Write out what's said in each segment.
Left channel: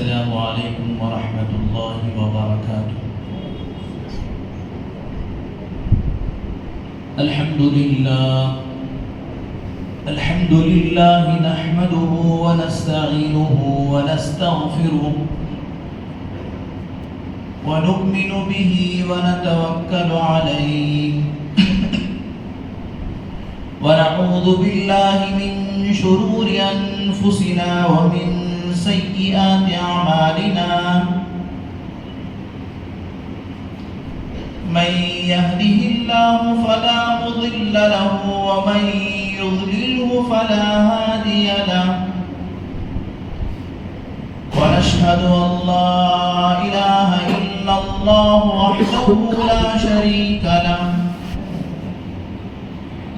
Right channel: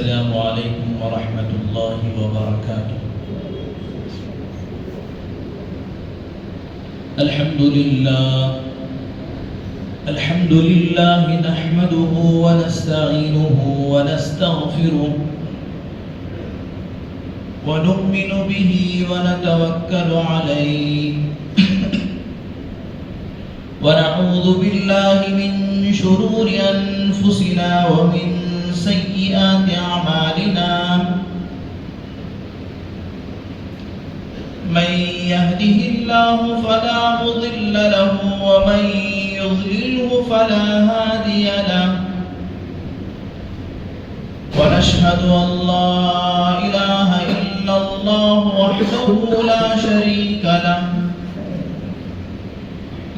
السلام علیکم ورحمۃ اللہ وبرکاتہ۔ الحمد للہ نحمده ونستعینه ونستغفره ونؤمن به ونتوکل علیہ ونعوذ باللہ من شرور انفسنا ومن سیئات اعمالنا من يهده الله فلا مضل له ومن يضلله فلا هادي له ونشهد أن لا إله إلا الله وحده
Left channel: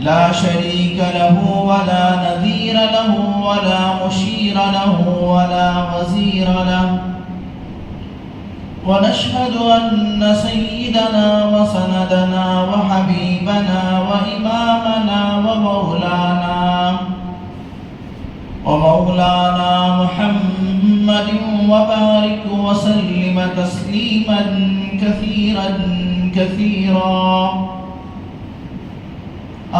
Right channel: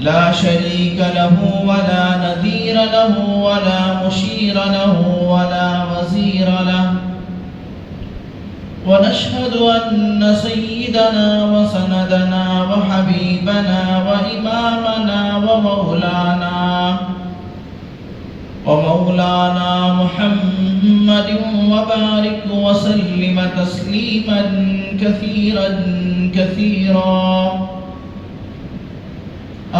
لا شريك له ولا نذير له ولا مشير له ولا وزير له ونشهد أن سيدنا وسندنا وحبيبنا وإمامنا ومولانا محمد وبارك وسلم تسليما كثيرا كثيرا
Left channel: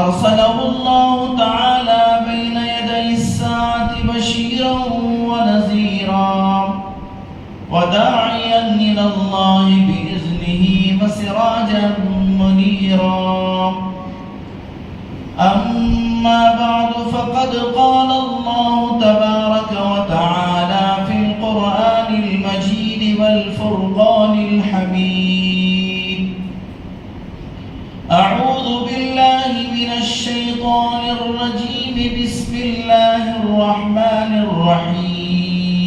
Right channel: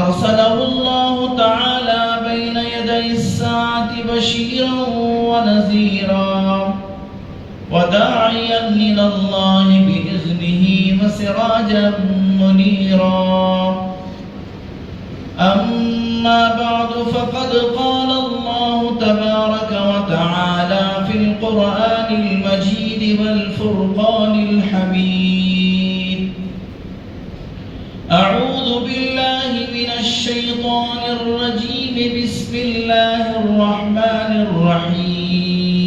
أرسله الله تعالى بين يدي الساعة بشيرا ونذيرا وداعيا إلى الله بإذنه وسراجا منيرا أما بعد فقد قال الله تبارك وتعالى في القرآن المجيد والفرقان الحميد أعوذ بالله من الشيطان الرجيم بسم الله الرحمن الرحيم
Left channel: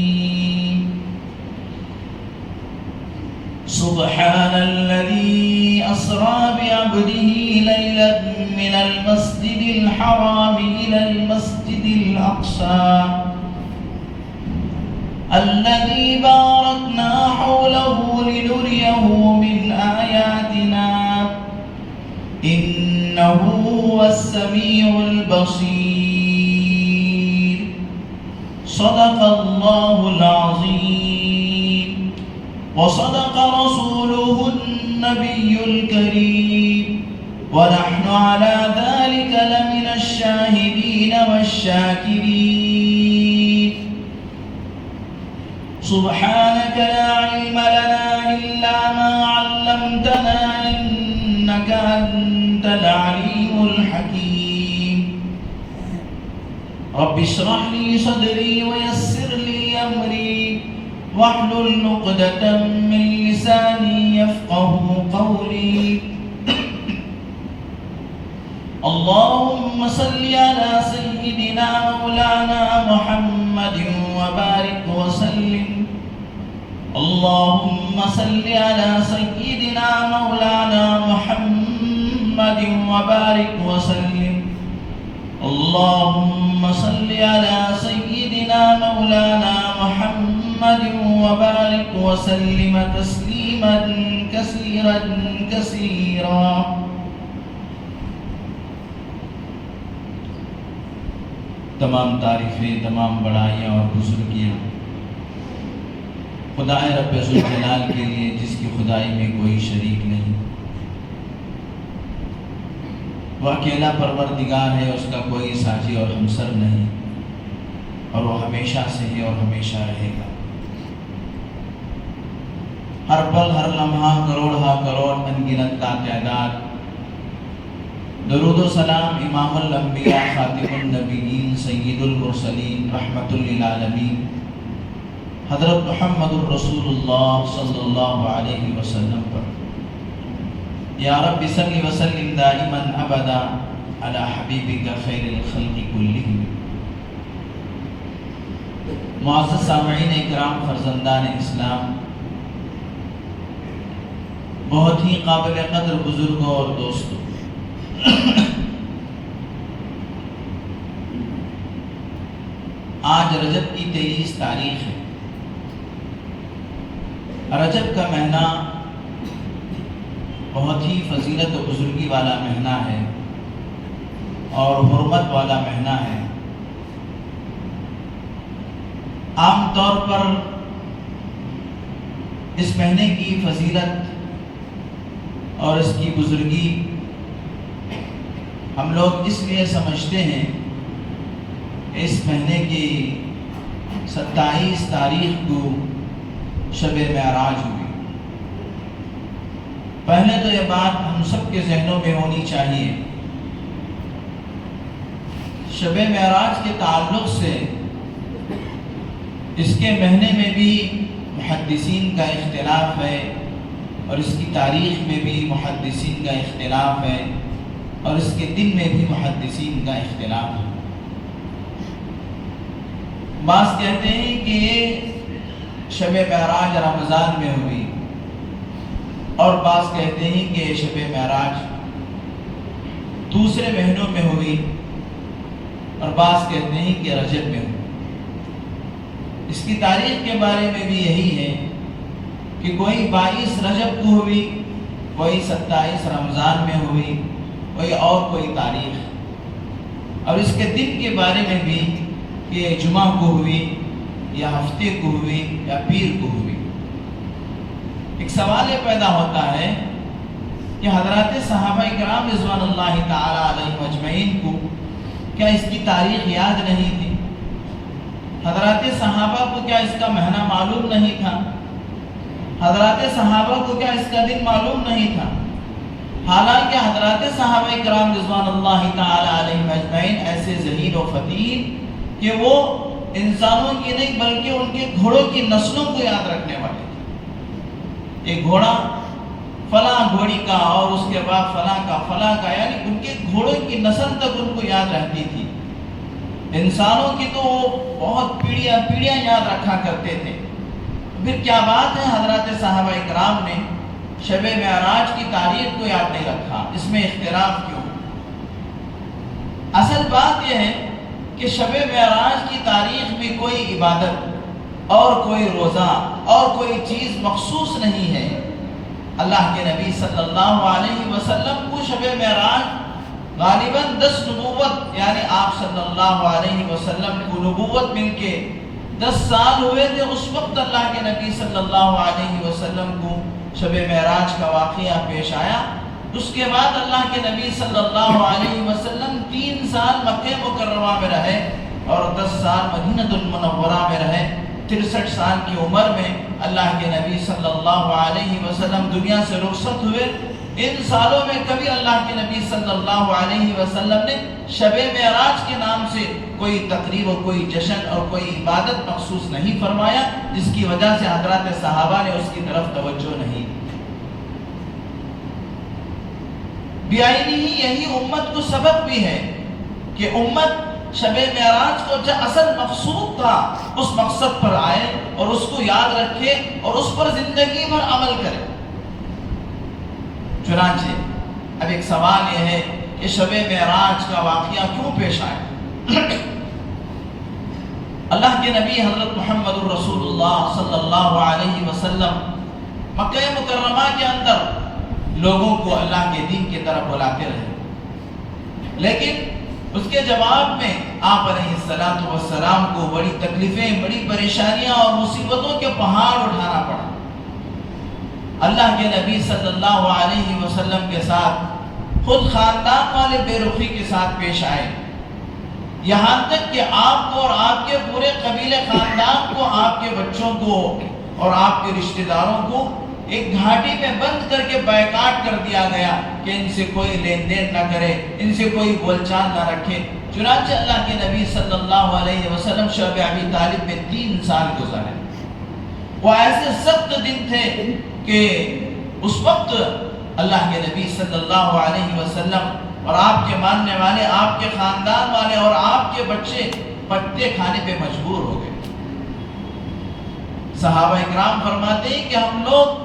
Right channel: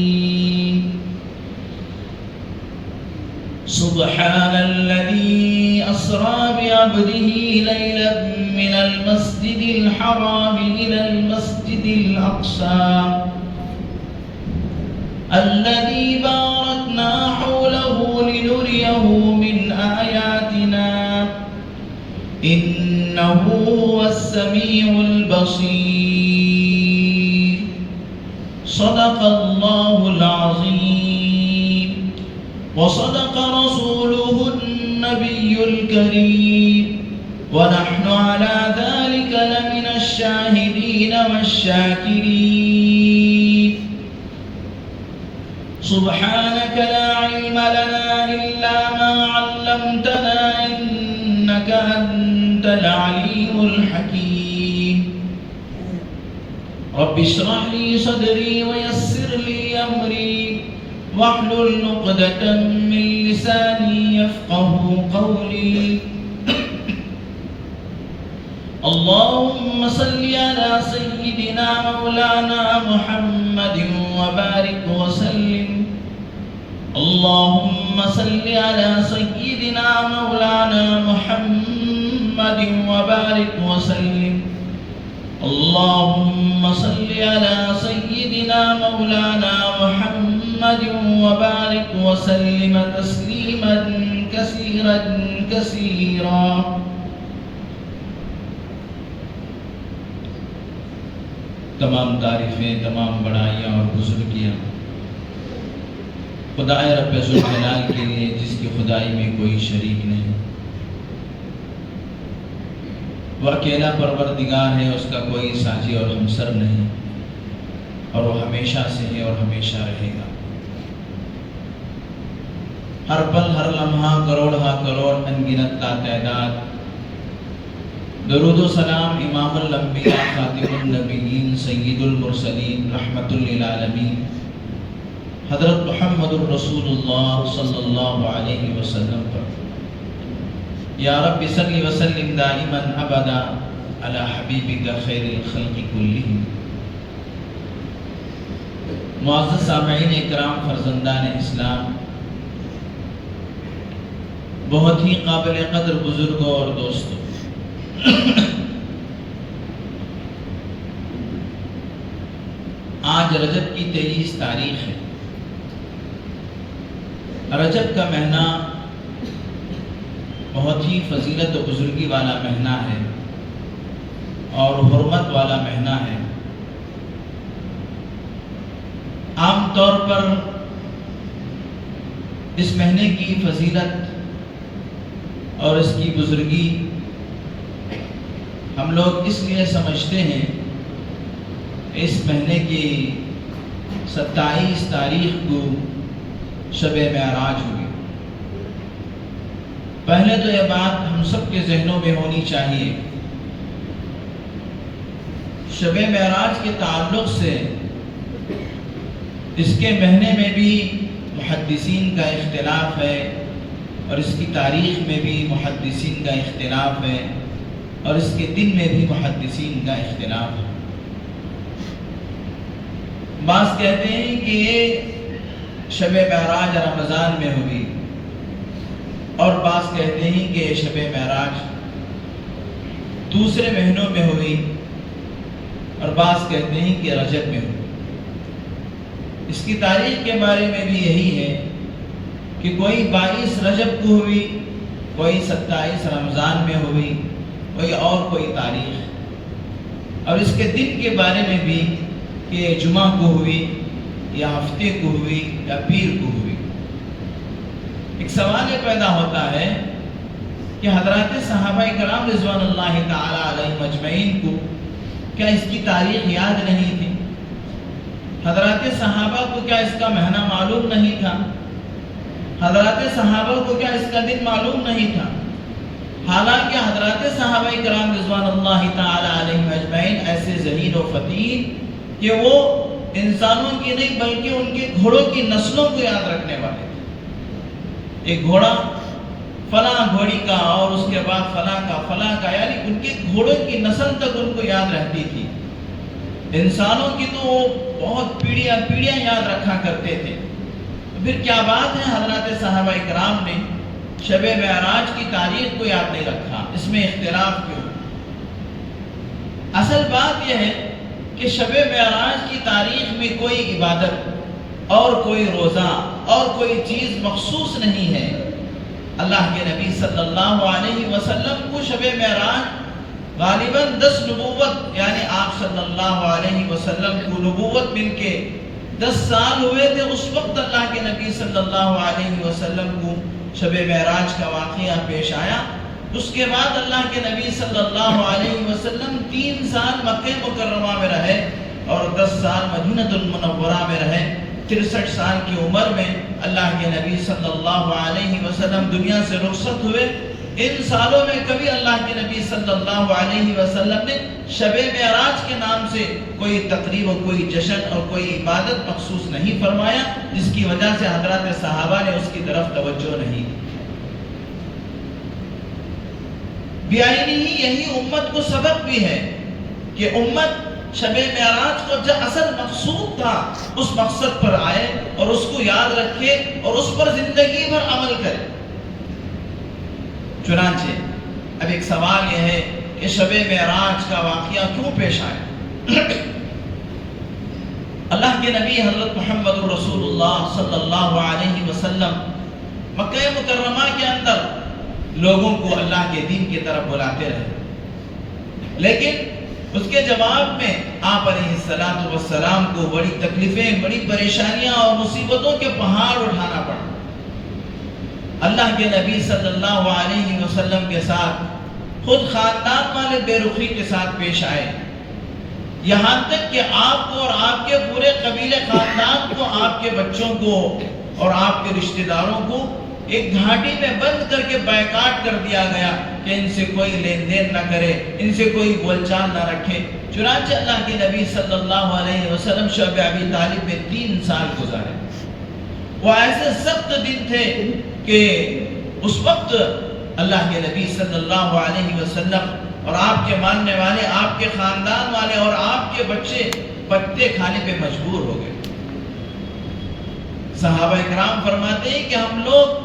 سبحان الذي أسرى بعبده ليلا من المسجد الحرام إلى المسجد الأقصى الذي باركنا حوله لنريه من آياتنا إنه هو السميع البصير صدق الله العظيم وصدق رسوله النبي الكريم ونحن على ذلك لمن الشاهدين والشاكرين سبحانك لا علم لنا إلا ما علمتنا إنك أنت العليم الحكيم رب اشرح لي صدري ويسر لي أمري واحلل عقدة من لساني يفقه قولي اللهم صل على سيدنا مولانا محمد وبارك وسلم اللهم صل على سيدنا مولانا محمد وبارك وسلم اللهم صل على سيدنا مولانا محمد وبارك وسلم تسليما كثيرا كثيرا تمام تعریفیں، تمام بڑائیاں اور بزرگیاں خدائے رب ذوالجلال کے لیے جس کی خدائی میں کوئی شریک نہیں۔ وہ اکیلا پروردگار ہے، اس کا کوئی ساجی اور ہمسر نہیں، اور وہ ہمیشہ سے ہے اور ہمیشہ رہے گا۔ ہر پل ہر لمحہ کروڑ ہا کروڑ انگنت تعداد درود و سلام امام الانبیاء خاتم النبیین سید المرسلین رحمت للعالمین حضرت محمد الرسول اللہ صلی اللہ علیہ وسلم پر۔ یا رب صلی وسلم دائما ابدا علی حبیبک خیر الخلق کلہم۔ معزز سامعین اکرام، فرزندان اسلام، بہت ہی قابل قدر بزرگوں اور دوستوں، آج رجب کی 23 تاریخ ہے۔ رجب کا مہینہ بہت ہی فضیلت و بزرگی والا مہینہ ہے اور حرمت والا مہینہ ہے۔ عام طور پر اس مہینے کی فضیلت اور اس کی بزرگی ہم لوگ اس لیے سمجھتے ہیں کہ اس مہینے کی 27 تاریخ کو شب معراج ہوئی۔ پہلے تو یہ بات ہم سب کے ذہنوں میں ہونی چاہیے، شب معراج کے تعلق سے اس کے مہینے میں بھی محدثین کا اختلاف ہے، اور اس کی تاریخ میں بھی محدثین کا اختلاف ہے، اور اس کے دن میں بھی محدثین کا اختلاف ہے۔ بعض کہتے ہیں کہ یہ شب معراج رمضان میں ہوئی، اور بعض کہتے ہیں کہ یہ شب معراج دوسرے مہینوں میں ہوئی، اور بعض کہتے ہیں کہ رجب میں ہوئی۔ اس کی تاریخ کے بارے میں بھی یہی ہے کہ کوئی 22 رجب کو ہوئی، کوئی 27 رمضان میں ہوئی، کوئی اور کوئی تاریخ، اور اس کے دن کے بارے میں بھی کہ جمعہ کو ہوئی یا ہفتے کو ہوئی یا پیر کو ہوئی۔ ایک سوال یہ پیدا ہوتا ہے کہ حضرات صحابہ کرام رضوان اللہ تعالی علیہم اجمعین کو کیا اس کی تاریخ یاد نہیں تھی؟ حضرات صحابہ کو کیا اس کا مہینہ معلوم نہیں تھا؟ حضرات صحابہ کو کیا اس کا دن معلوم نہیں تھا؟ حالانکہ حضرات صحابہ کرام رضوان اللہ تعالی علیہم اجمعین ایسے ذہین و فطین کہ وہ انسانوں کی نہیں بلکہ ان کے گھوڑوں کی نسلوں کو یاد رکھنے والے تھے۔ ایک گھوڑا فلاں گھوڑی کا، اور اس کے بعد فلاں کا، یعنی ان کے گھوڑوں کی نسل تک ان کو یاد رہتی تھی۔ انسانوں کی تو بہت پیڑیاں یاد رکھا کرتے تھے، پھر کیا بات ہے حضرات صحابہ کرام نے شب معراج کی تاریخ کو یاد نہیں رکھا؟ اس میں اختلاف کیوں؟ اصل بات یہ ہے کہ شب معراج کی تاریخ میں کوئی عبادت اور کوئی روزہ اور کوئی چیز مخصوص نہیں ہے۔ اللہ کے نبی صلی اللہ علیہ وسلم کو شب معراج غالباً 10 نبوت، یعنی آپ صلی اللہ علیہ وسلم کو نبوت مل کے 10 سال ہوئے تھے، اس وقت اللہ کے نبی صلی اللہ علیہ وسلم کو شب معراج کا واقعہ پیش آیا۔ اس کے بعد اللہ کے نبی صلی اللہ علیہ وسلم 3 سال مکہ مکرمہ میں رہے اور 10 سال مدینہ المنورہ میں رہے۔ 63 سال کی عمر میں اللہ کے نبی صلی اللہ علیہ وسلم دنیا سے رخصت ہوئے۔ ان سالوں میں کبھی اللہ کے نبی صلی اللہ علیہ وسلم نے شب معراج کے نام سے کوئی تقریب اور کوئی جشن اور کوئی عبادت مخصوص نہیں فرمایا، جس کی وجہ سے حضرات صحابہ نے اس کی طرف توجہ نہیں دی۔ یہی امت کو سبق بھی ہے کہ امت شب معراج کو جو اصل مقصود تھا اس مقصد پر آئے اور اس کو یاد رکھے اور اس پر زندگی بھر عمل کرے۔ چنانچہ اب ایک سوال یہ ہے کہ شب معراج کا واقعہ کیوں پیش آیا؟ اللہ کے نبی حضرت محمد رسول اللہ صلی اللہ علیہ وسلم مکہ مکرمہ کے اندر لوگوں کو اللہ کے دین کی طرف بلاتے رہے، لیکن اس کے جواب میں آپ علیہ السلام کو بڑی تکلیفیں، بڑی پریشانیاں اور مصیبتوں کے پہاڑ اٹھانا پڑا۔ اللہ کے نبی صلی اللہ علیہ وسلم کے ساتھ خود خاندان والے بے رخی کے ساتھ پیش آئے، یہاں تک کہ آپ کو اور آپ کے پورے قبیلے خاندان کو، آپ کے بچوں کو اور آپ کے رشتہ داروں کو ایک گھاٹی میں بند کر کے بائیکاٹ کر دیا گیا کہ ان سے کوئی لین دین نہ کرے، ان سے کوئی بول چال نہ رکھے۔ چنانچہ اللہ کے نبی صلی اللہ علیہ وسلم شعب ابی طالب میں 3 سال گزارے۔ وہ ایسے سخت دن تھے کہ اس وقت اللہ کے نبی صلی اللہ علیہ وسلم اور آپ کے ماننے والے، آپ کے خاندان والے اور آپ کے بچے پتے کھانے پہ مجبور ہو گئے۔ صحابہ اکرام فرماتے ہیں کہ ہم لوگ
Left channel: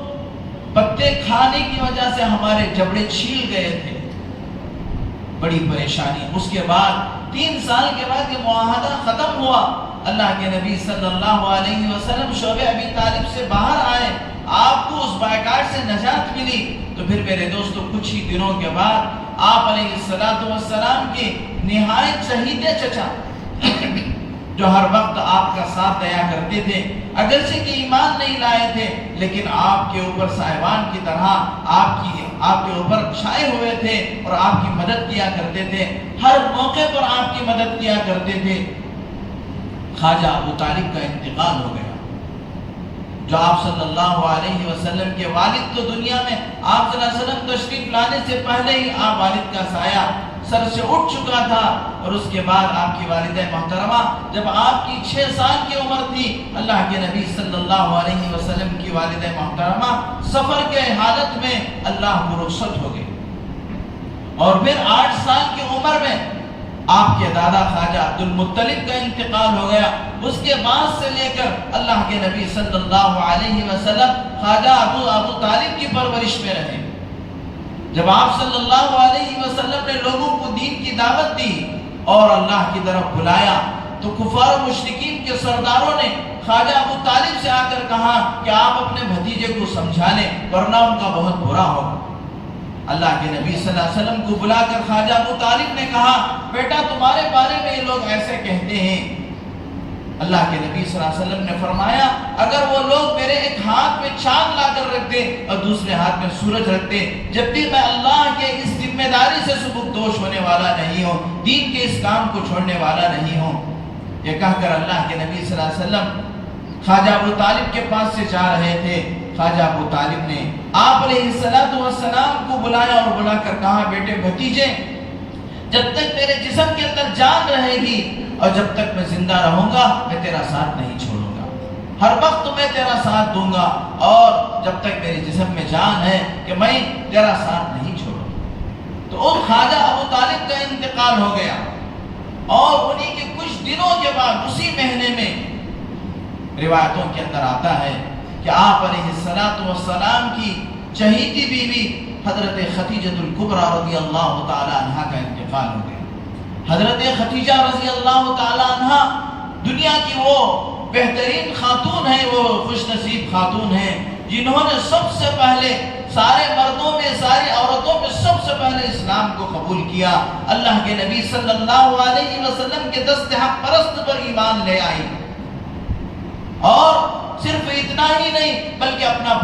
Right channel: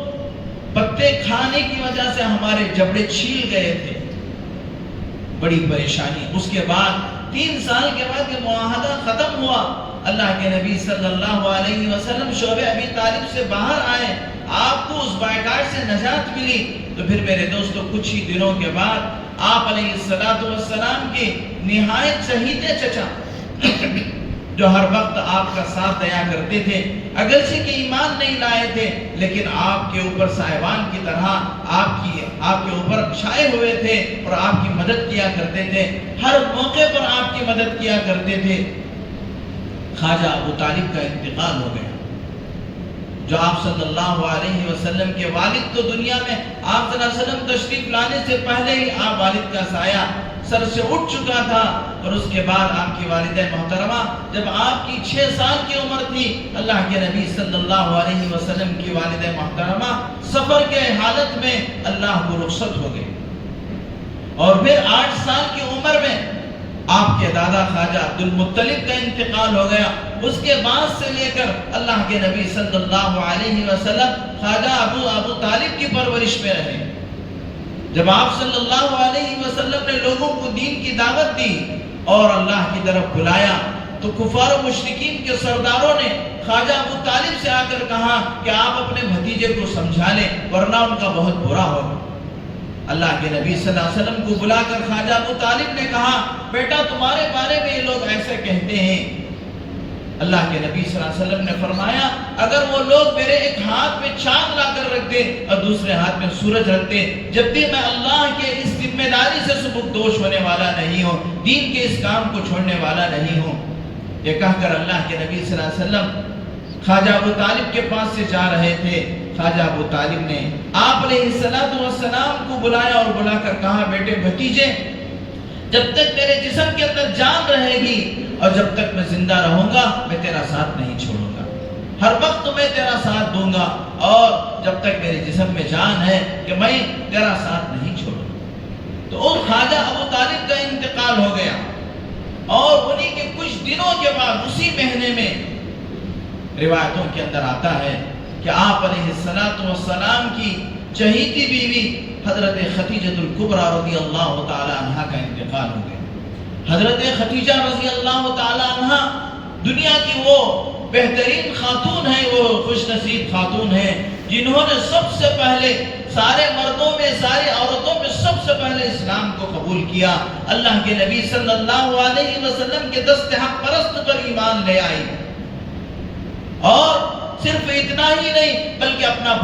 پتے کھانے کی وجہ سے ہمارے جبڑے چھیل گئے تھے، بڑی پریشانی۔ اس کے بعد 3 سال کے بعد یہ معاہدہ ختم ہوا، اللہ کے نبی صلی اللہ علیہ وسلم شعب ابی طالب سے باہر آئے، آپ کو اس بائیکاٹ سے نجات ملی۔ تو پھر میرے دوستو کچھ ہی دنوں کے بعد آپ علیہ السلام کے نہایت چہیتے چچا جو ہر وقت آپ کا ساتھ دیا کرتے تھے، اگرچہ کہ ایمان نہیں لائے تھے لیکن آپ کے اوپر سائبان کی طرح آپ کے اوپر چھائے ہوئے تھے اور آپ کی مدد کیا کرتے تھے، ہر موقع پر آپ کی مدد کیا کرتے تھے۔ خواجہ ابو طالب کا انتقال ہو گیا، جو آپ صلی اللہ علیہ وسلم کے والد تو دنیا میں آپ صلی اللہ علیہ وسلم تشریف لانے سے پہلے ہی آپ والد کا سایہ سر سے اٹھ چکا تھا، اور اس کے بعد آپ کی والدہ محترمہ جب آپ کی 6 سال کی عمر تھی، اللہ کے نبی صلی اللہ علیہ وسلم کی والدہ محترمہ سفر کے حالت میں اللہ کو رخصت ہو گئے، اور پھر 8 سال کی عمر میں آپ کے دادا خواجہ عبد المطلب کا انتقال ہو گیا۔ اس کے بعد سے لے کر اللہ کے نبی صلی اللہ علیہ وسلم خواجہ ابو طالب کی پرورش میں رہے۔ جب آپ صلی اللہ علیہ وسلم نے لوگوں کو دین کی دعوت دی اور اللہ کی طرف بلایا، تو کفار و مشرکین کے سرداروں نے خواجہ ابو طالب سے آ کر کہا کہ آپ اپنے بھتیجے کو سمجھا لیں ورنہ ان کا بہت برا ہوگا۔ اللہ کے نبی صلی اللہ علیہ وسلم کو بلا کر خواجہ ابو طالب نے کہا، بیٹا تمہارے بارے میں یہ لوگ ایسے کہتے ہیں۔ اللہ کے نبی صلی اللہ علیہ وسلم نے فرمایا، اگر وہ لوگ میرے ایک ہاتھ میں چاند لا کر رکھ دیں اور دوسرے ہاتھ میں سورج رکھ دیں، جب بھی میں اللہ کے اس ذمہ داری سے سبکدوش ہونے والا نہیں ہوں، دین کے اس کام کو چھوڑنے والا نہیں ہوں۔ یہ کہہ کر اللہ کے نبی صلی اللہ علیہ وسلم خواجہ ابو طالب کے پاس سے جا رہے تھے۔ خواجہ ابو طالب نے آپ علیہ السلام کو بلایا اور بلا کر کہا، بیٹے بھتیجے، جب تک میرے جسم کے اندر جان رہے گی اور جب تک میں زندہ رہوں گا میں تیرا ساتھ نہیں چھوڑوں گا، ہر وقت میں تیرا ساتھ دوں گا، اور جب تک میرے جسم میں جان ہے کہ میں تیرا ساتھ نہیں چھوڑوں گا۔ تو ان خواجہ ابو طالب کا انتقال ہو گیا، اور انہی کے کچھ دنوں کے بعد اسی مہینے میں روایتوں کے اندر آتا ہے کہ آپ علیہ السلام کی چہیتی بیوی حضرت خدیجہ الکبریٰ رضی اللہ تعالی عنہ کا انتقال ہو گیا۔ حضرت خدیجہ رضی اللہ تعالی عنہ دنیا کی وہ بہترین خاتون ہیں، وہ خوش نصیب خاتون ہیں جنہوں نے سب سے پہلے سارے مردوں میں، ساری عورتوں میں سب سے پہلے اسلام کو قبول کیا، اللہ کے نبی صلی اللہ علیہ وسلم کے دست حق پرست پر ایمان لے آئی، اور صرف اتنا ہی نہیں بلکہ اپنا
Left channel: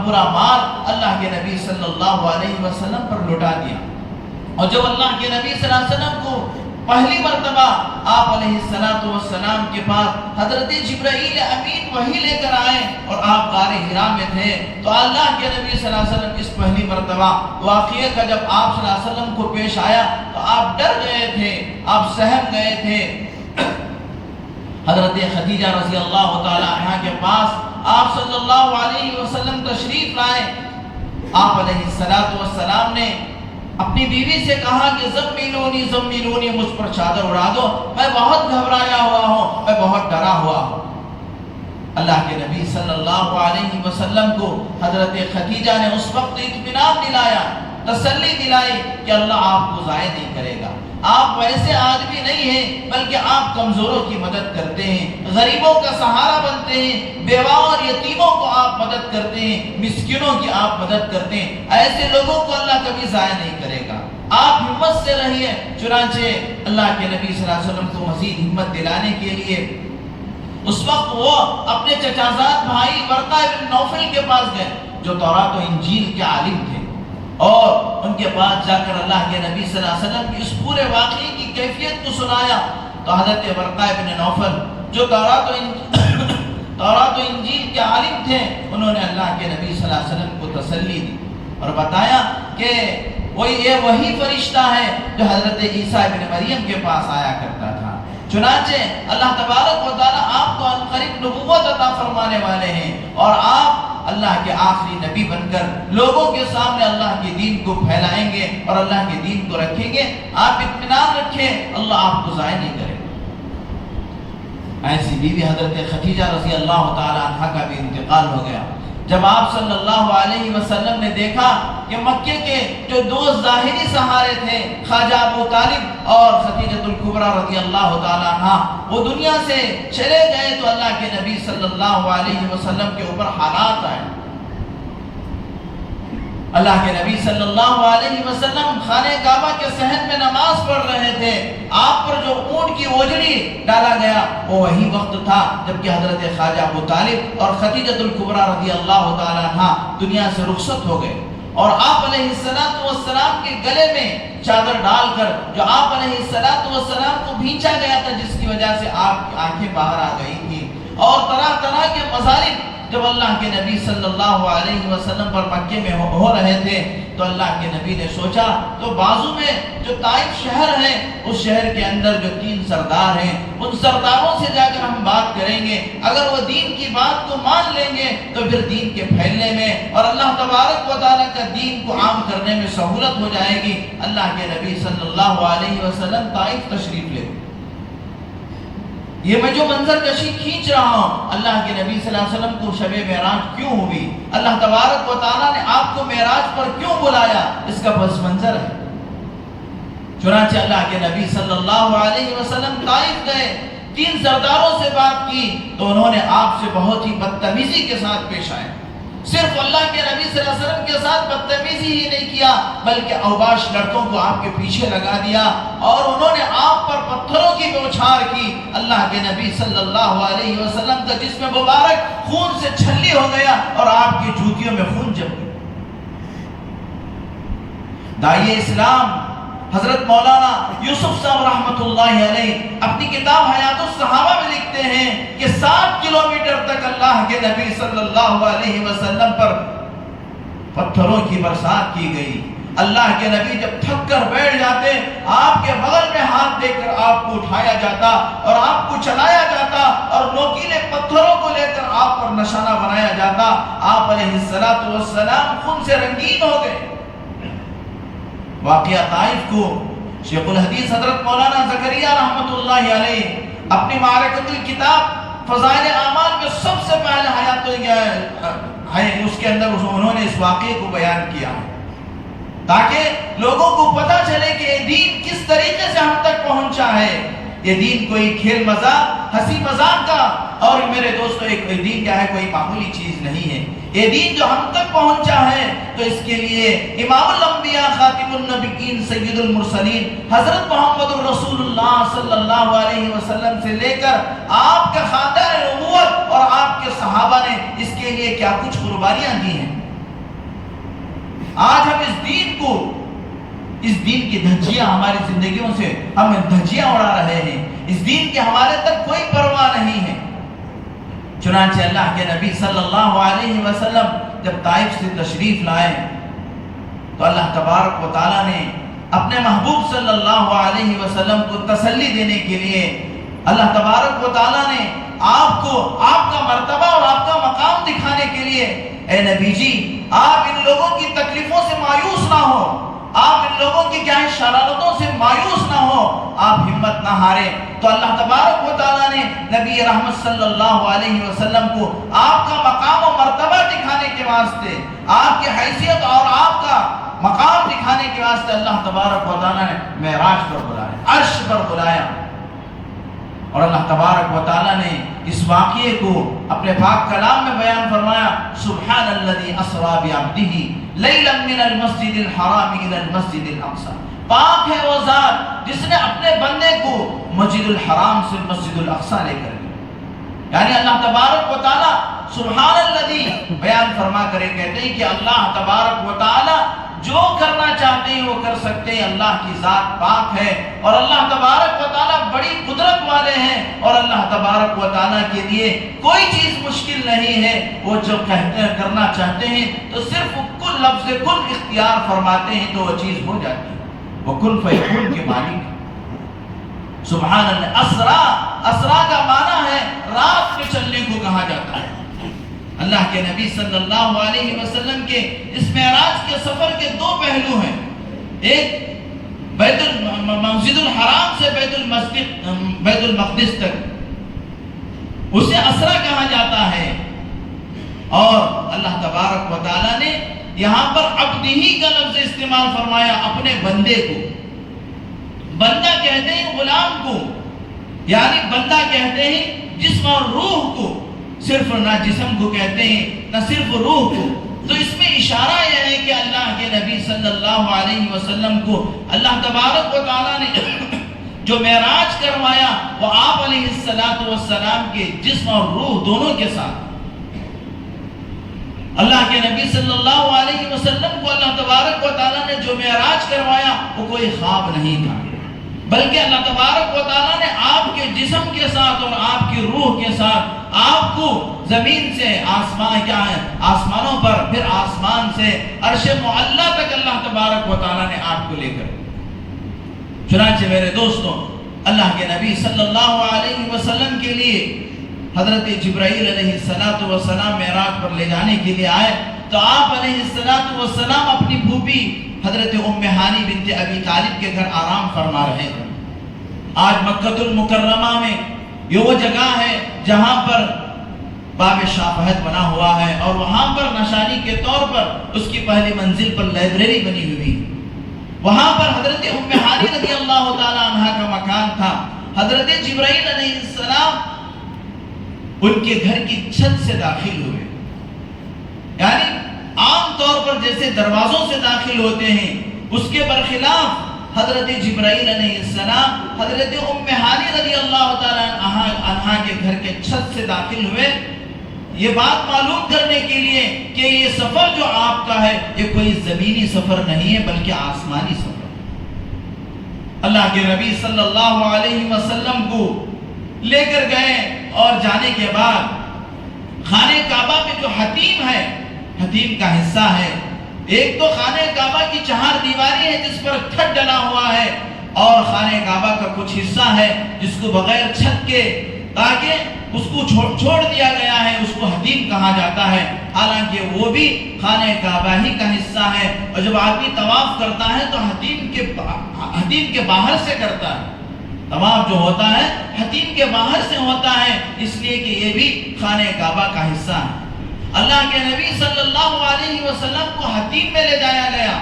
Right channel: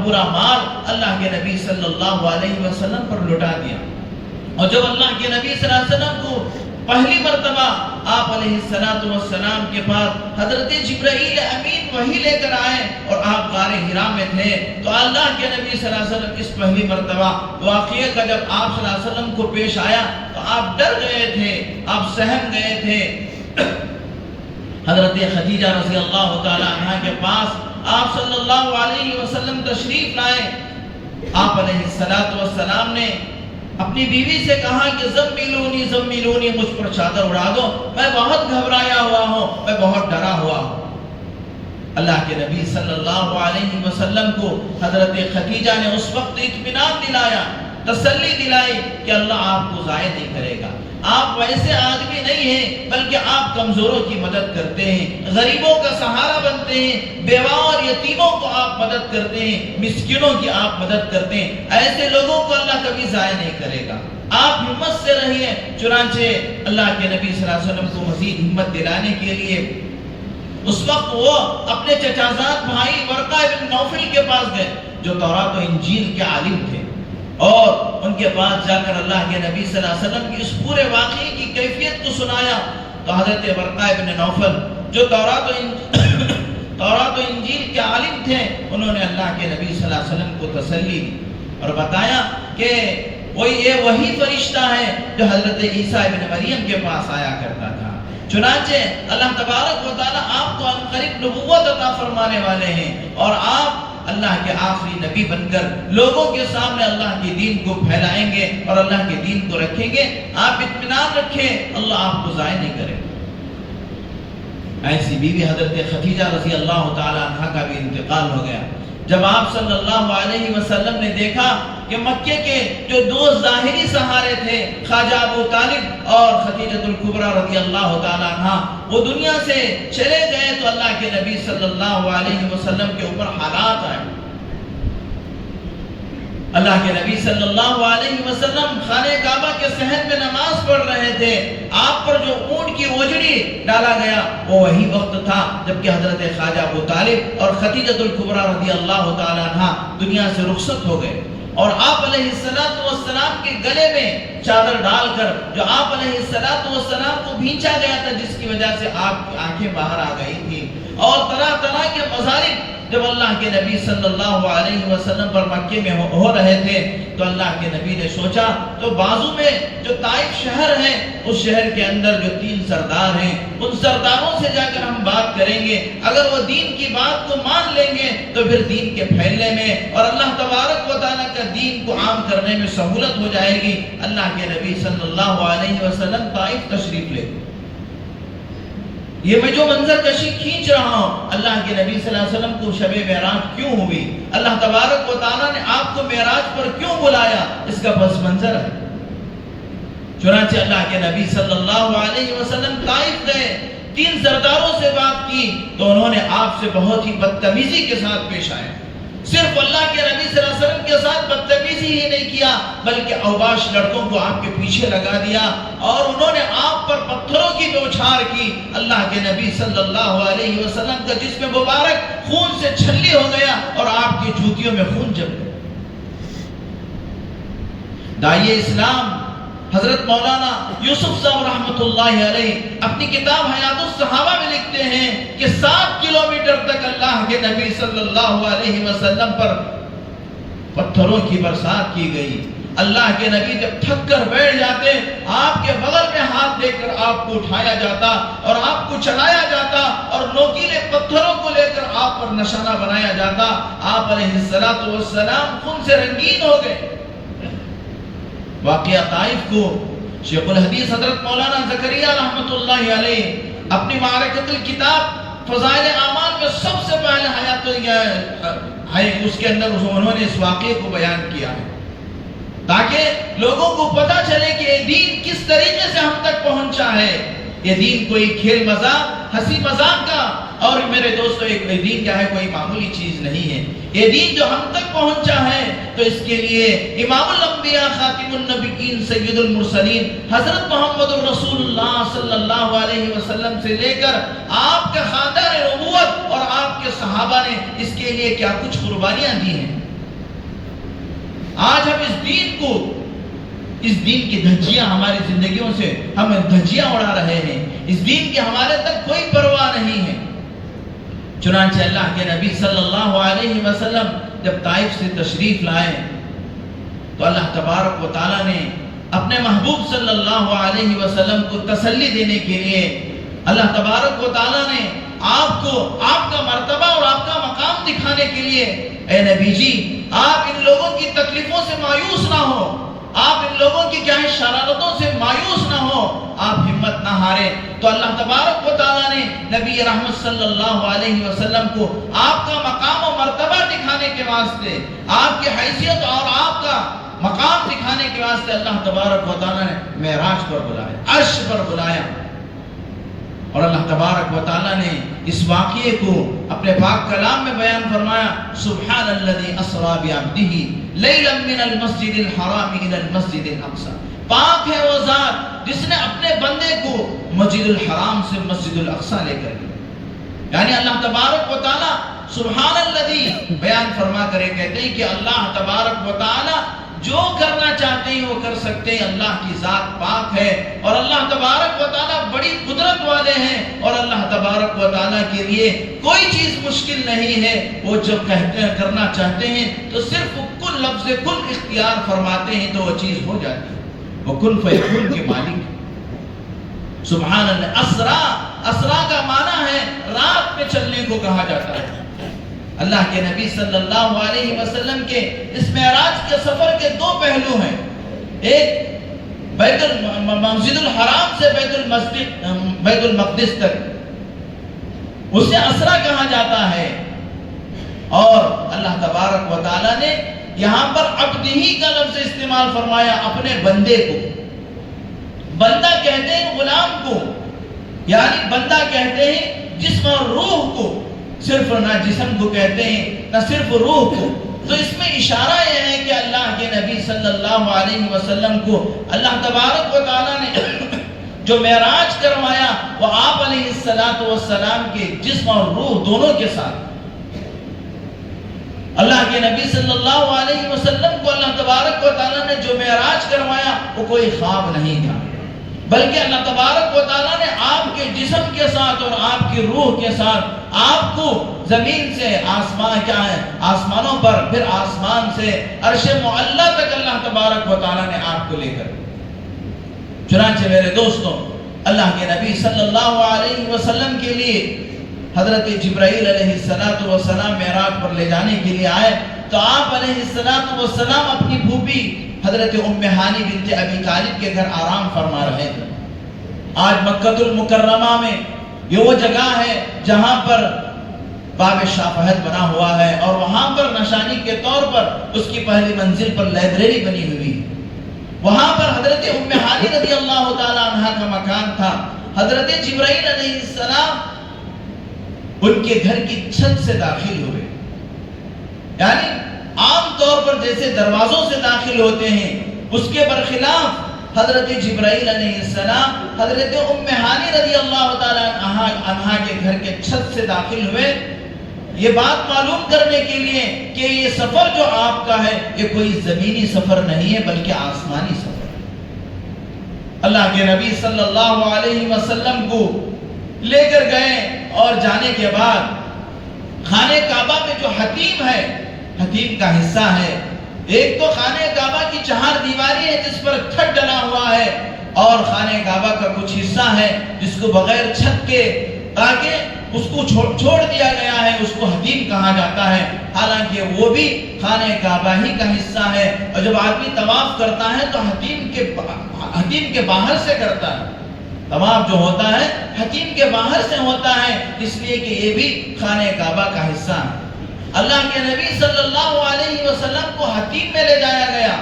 پورا مال اللہ کے نبی صلی اللہ علیہ وسلم پر لٹا دیا۔ اور جب اللہ کے نبی صلی اللہ علیہ وسلم کو پہلی مرتبہ آپ علیہ السلام کے پاس حضرت جبرائیل امین وحی لے کر آئے اور آپ غار حرا میں تھے، تو اللہ کے نبی صلی اللہ علیہ وسلم اس پہلی مرتبہ واقعے کا جب آپ صلی اللہ علیہ وسلم کو پیش آیا تو آپ ڈر گئے تھے، آپ سہم گئے تھے۔ حضرت خدیجہ رضی اللہ تعالی عنہ کے پاس آپ صلی اللہ علیہ وسلم تشریف لائے۔ آپ علیہ السلام نے اپنی بیوی سے کہا کہ زملونی مجھ پر چادر اڑا دو، میں بہت گھبرایا ہوا ہوں، میں بہت ڈرا ہوا ہوں۔ اللہ کے نبی صلی اللہ علیہ وسلم کو حضرت خدیجہ نے اس وقت اطمینان دلایا، تسلی دلائی کہ اللہ آپ کو ضائع نہیں کرے گا، آپ ویسے آدمی نہیں ہیں بلکہ آپ کمزوروں کی مدد کرتے ہیں، غریبوں کا سہارا بنتے ہیں، بیواؤں اور یتیموں کو آپ مدد کرتے ہیں، مسکینوں کی آپ مدد کرتے ہیں، ایسے لوگوں کو اللہ کبھی ضائع نہیں کرے گا، آپ ہمت سے رہیے۔ چنانچہ اللہ کے نبی صلی اللہ علیہ وسلم کو مزید ہمت دلانے کے لیے اس وقت وہ اپنے چچازاد بھائی ورقہ بن نوفل کے پاس گئے جو تورات و انجیل کے عالم تھے، اور ان کے پاس جا کر اللہ کے نبی صلی اللہ علیہ وسلم کی اس پورے واقعے کی کیفیت کو سنایا۔ تو حضرت ورقہ بن نوفل جو تورات و انجیل کے عالم تھے، انہوں نے اللہ کے نبی صلی اللہ علیہ وسلم کو تسلی دی اور بتایا کہ یہ وہی فرشتہ ہے جو حضرت عیسیٰ ابن مریم کے پاس آیا کرتا تھا۔ چنانچہ اللہ تبارک و تعالی آپ کو عنقریب نبوت عطا فرمانے والے ہیں، اور آپ اللہ کے آخری نبی بن کر لوگوں کے سامنے اللہ کے دین کو پھیلائیں گے اور اللہ کے دین کو رکھیں گے۔ آپ اطمینان رکھیں، اللہ آپ کو ضائع نہیں کرے۔ ایسی بیوی حضرت خدیجہ رضی اللہ تعالی عنہ کا بھی انتقال ہو گیا۔ جب آپ صلی اللہ علیہ وسلم نے دیکھا کہ مکے کے جو دو ظاہری سہارے تھے خواجہ ابو طالب اور خدیجہ الکبریٰ رضی اللہ تعالی عنہ وہ دنیا سے چلے گئے، تو اللہ کے نبی صلی اللہ علیہ وسلم کے اوپر حالات آئے۔ اللہ کے نبی صلی اللہ علیہ وسلم خانہ کعبہ کے صحن میں نماز پڑھ رہے تھے، آپ پر جو اونٹ کی اوجڑی ڈالا گیا وہ وہی وقت تھا جبکہ حضرت خواجہ ابو طالب اور خدیجہ الکبریٰ رضی اللہ تعالیٰ عنہ دنیا سے رخصت ہو گئے، اور آپ علیہ السلام کے گلے میں چادر ڈال کر جو آپ علیہ السلام کو بھینچا گیا تھا، جس کی وجہ سے آپ کی آنکھیں باہر آ گئی تھی، اور طرح طرح کے مظالم جب اللہ کے نبی صلی اللہ علیہ وسلم پر مکے میں ہو رہے تھے تو اللہ کے نبی نے سوچا تو بازو میں جو طائف شہر ہے اس شہر کے اندر جو 3 سردار ہیں ان سرداروں سے جا کر ہم بات کریں گے، اگر وہ دین کی بات کو مان لیں گے تو پھر دین کے پھیلنے میں اور اللہ تبارک و تعالیٰ کا دین کو عام کرنے میں سہولت ہو جائے گی۔ اللہ کے نبی صلی اللہ علیہ وسلم طائف تشریف لے، یہ میں جو منظر کشی کھینچ رہا ہوں، اللہ کے نبی صلی اللہ علیہ وسلم کو شب معراج کیوں ہوئی، اللہ تبارک و تعالیٰ نے آپ کو معراج پر کیوں بلایا، اس کا پس منظر ہے۔ چنانچہ اللہ کے نبی صلی اللہ علیہ وسلم طائف گئے، 3 سرداروں سے بات کی تو انہوں نے آپ سے بہت ہی بدتمیزی کے ساتھ پیش آئے، صرف اللہ کے نبی صلی اللہ علیہ وسلم کے ساتھ بدتمیزی ہی نہیں کیا بلکہ اوباش لڑکوں کو آپ کے پیچھے لگا دیا اور انہوں نے آپ پر پتھروں کی بوچھار کی۔ اللہ کے نبی صلی اللہ علیہ وسلم کا جسم مبارک خون سے چھلی ہو گیا اور آپ کی جوتیوں میں خون جم گیا۔ داعی اسلام حضرت مولانا یوسف صاحب رحمت اللہ علیہ اپنی کتاب حیات الصحابہ میں لکھتے ہیں کہ 7 کلومیٹر تک اللہ کے نبی صلی اللہ علیہ وسلم پر پتھروں کی برسات کی گئی۔ اللہ کے نبی جب تھک کر بیٹھ جاتے آپ کے بغل میں ہاتھ دے کر آپ کو اٹھایا جاتا اور آپ کو چلایا جاتا اور نوکیلے پتھروں کو لے کر آپ پر نشانہ بنایا جاتا، آپ علیہ السلام خون سے رنگین ہو گئے۔ واقعہ طائف کو شیخ الحدیث حضرت مولانا زکریہ رحمت اللہ علیہ اپنی معرکۃ الکتاب فضائل اعمال میں سب سے پہلے اس کے اندر انہوں نے اس واقعے کو بیان کیا ہے تاکہ لوگوں کو پتہ چلے کہ یہ دین کس طریقے سے ہم تک پہنچا ہے۔ یہ دین کوئی کھیل مذاق ہنسی مذاق کا اور میرے دوستو ایک دین کیا ہے کوئی معمولی چیز نہیں ہے، یہ دین جو ہم تک پہنچا ہے تو اس کے لیے امام الانبیاء خاتم النبیین سید المرسلین حضرت محمد رسول اللہ صلی اللہ علیہ وسلم سے لے کر آپ کے خاندان نبوت اور آپ کے صحابہ نے اس کے لیے کیا کچھ قربانیاں دی ہیں۔ آج ہم اس دین کی دھجیاں ہماری زندگیوں سے ہم دھجیاں اڑا رہے ہیں، اس دین کے ہمارے تک کوئی پرواہ نہیں ہے۔ چنانچہ اللہ کے نبی صلی اللہ علیہ وسلم جب طائف سے تشریف لائے تو اللہ تبارک و تعالیٰ نے اپنے محبوب صلی اللہ علیہ وسلم کو تسلی دینے کے لیے اللہ تبارک و تعالیٰ نے آپ کو آپ کا مرتبہ اور آپ کا مقام دکھانے کے لیے، اے نبی جی آپ ان لوگوں کی تکلیفوں سے مایوس نہ ہو، آپ ان لوگوں کی کیا ہے شرارتوں سے مایوس نہ ہو، آپ ہمت نہ ہارے۔ تو اللہ تبارک و تعالیٰ نے نبی رحمت صلی اللہ علیہ وسلم کو آپ کا مقام و مرتبہ دکھانے کے واسطے، آپ کی حیثیت اور آپ کا مقام دکھانے کے واسطے اللہ تبارک و تعالیٰ نے معراج پر بلایا، عرش پر بلایا، اور اللہ تبارک و تعالیٰ نے اس واقعے کو اپنے پاک کلام میں بیان فرمایا، سبحان الذی اسری بعبدہ لیلا من المسجد الحرام الى المسجد الاقصی، پاک ہے وہ ذات جس نے اپنے بندے کو مسجد الحرام سے مسجد الاقصی لے کر گیا۔ یعنی اللہ تبارک و تعالیٰ سبحان الذی بیان فرما کرے کہتے ہیں کہ اللہ تبارک و تعالیٰ جو کرنا چاہتے ہیں وہ کر سکتے ہیں، اللہ کی ذات پاک ہے اور اللہ تبارک و تعالیٰ بڑی قدرت والے ہیں اور اللہ تبارک و تعالیٰ کے لیے کوئی چیز مشکل نہیں ہے، وہ جو کہتے ہیں کرنا چاہتے ہیں تو صرف کل لفظ کل اختیار فرماتے ہیں تو وہ چیز ہو جاتی ہے، وہ کن فیکون کے مالک۔ سبحان اللہ، اسرا کا معنی ہے رات میں چلنے کو کہا جاتا ہے۔ اللہ کے نبی صلی اللہ علیہ وسلم کے اس معراج کے سفر کے 2 پہلو ہیں، ایک مسجد الحرام سے بیت المقدس تک، اسے اسرا کہا جاتا ہے، اور اللہ تبارک و تعالیٰ نے یہاں پر عبدہی کا لفظ استعمال فرمایا، اپنے بندے کو۔ بندہ کہتے ہیں غلام کو، یعنی بندہ کہتے ہیں جسم اور روح کو، صرف نہ جسم کو کہتے ہیں نہ صرف روح کو۔ تو اس میں اشارہ یہ ہے کہ اللہ کے نبی صلی اللہ علیہ وسلم کو اللہ تبارک و تعالیٰ نے جو معراج کروایا وہ آپ علیہ السلام کے جسم اور روح دونوں کے ساتھ. اللہ کے نبی صلی اللہ علیہ وسلم کو اللہ تبارک و تعالیٰ نے جو معراج کروایا وہ کوئی خواب نہیں تھا، بلکہ اللہ تبارک و تعالیٰ نے آپ کے جسم کے ساتھ اور آپ کی روح کے ساتھ آپ کو زمین سے آسمانوں پر، پھر آسمان سے عرش معلی تک اللہ تبارک و تعالیٰ نے آپ کو لے کر. چنانچہ میرے دوستوں، اللہ کے نبی صلی اللہ علیہ وسلم کے لیے حضرت جبرائیل علیہ السلام معراج پر لے جانے کے لیے آئے تو آپ علیہ السلام اپنی پھوپھی حضرت ام ہانی بنت ابی طالب کے گھر آرام فرما رہے تھے. آج مکہ المکرمہ میں یہ وہ جگہ ہے جہاں پر باب شاہ فہد بنا ہوا ہے، اور وہاں پر نشانی کے طور پر اس کی پہلی منزل پر لائبریری بنی ہوئی. وہاں پر حضرت ام ہانی رضی اللہ تعالی عنہ کا مکان تھا. حضرت جبرائیل علیہ السلام ان کے گھر کی چھت سے داخل ہوئے. یعنی عام طور پر جیسے دروازوں سے داخل ہوتے ہیں، اس کے برخلاف حضرت جبرائیل علیہ السلام حضرت ام ہانی رضی اللہ تعالی عنہ کے گھر کے چھت سے داخل ہوئے، یہ بات معلوم کرنے کے لیے کہ یہ سفر جو آپ کا ہے یہ کوئی زمینی سفر نہیں ہے بلکہ آسمانی سفر. اللہ کے نبی صلی اللہ علیہ وسلم کو لے کر گئے اور جانے کے بعد خانہ کعبہ میں جو حتیم ہے، حتیم کا حصہ ہے، ایک تو خانہ کعبہ کی 4 دیواری ہے جس پر کھٹ ڈلا ہوا ہے، اور خانہ کعبہ کا کچھ حصہ ہے جس کو بغیر چھت کے تاکہ اس کو چھوڑ دیا گیا ہے، اس کو حتیم کہا جاتا ہے. حالانکہ وہ بھی خانہ کعبہ ہی کا حصہ ہے، اور جب آدمی طواف کرتا ہے تو حتیم کے باہر سے کرتا ہے. طواف جو ہوتا ہے حتیم کے باہر سے ہوتا ہے، اس لیے کہ یہ بھی خانہ کعبہ کا حصہ ہے. اللہ کے نبی صلی اللہ علیہ وسلم کو حتیم میں لے جایا گیا.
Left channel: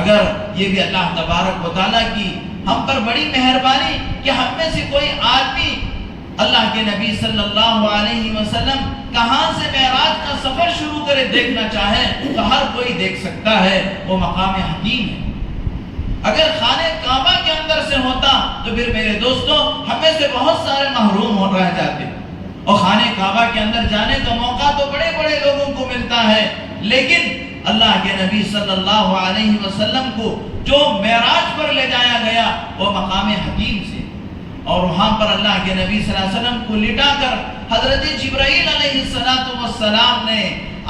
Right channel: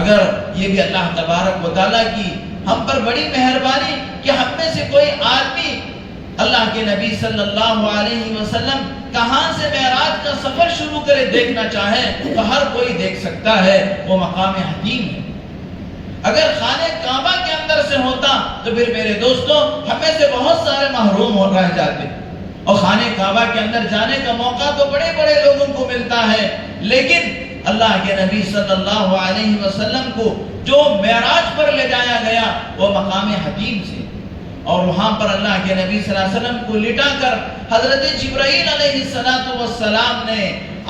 اگر یہ بھی اللہ تبارک و تعالیٰ کی ہم پر بڑی مہربانی کہ ہم میں سے کوئی آدمی اللہ کے نبی صلی اللہ علیہ وسلم کہاں سے معراج کا سفر شروع کرے دیکھنا چاہے تو ہر کوئی دیکھ سکتا ہے، وہ مقام حتیم ہے. اگر خانہ کعبہ کے اندر سے ہوتا تو پھر میرے دوستوں ہم میں سے بہت سارے محروم ہو رہ جاتے، اور خانہ کعبہ کے اندر جانے کا موقع تو بڑے بڑے لوگوں کو ملتا ہے، لیکن اللہ کے نبی صلی اللہ علیہ وسلم کو جو معراج پر لے جایا گیا وہ مقام حتیم سے، اور وہاں پر اللہ کے نبی صلی اللہ علیہ وسلم کو لٹا کر حضرت جبرائیل علیہ السلام نے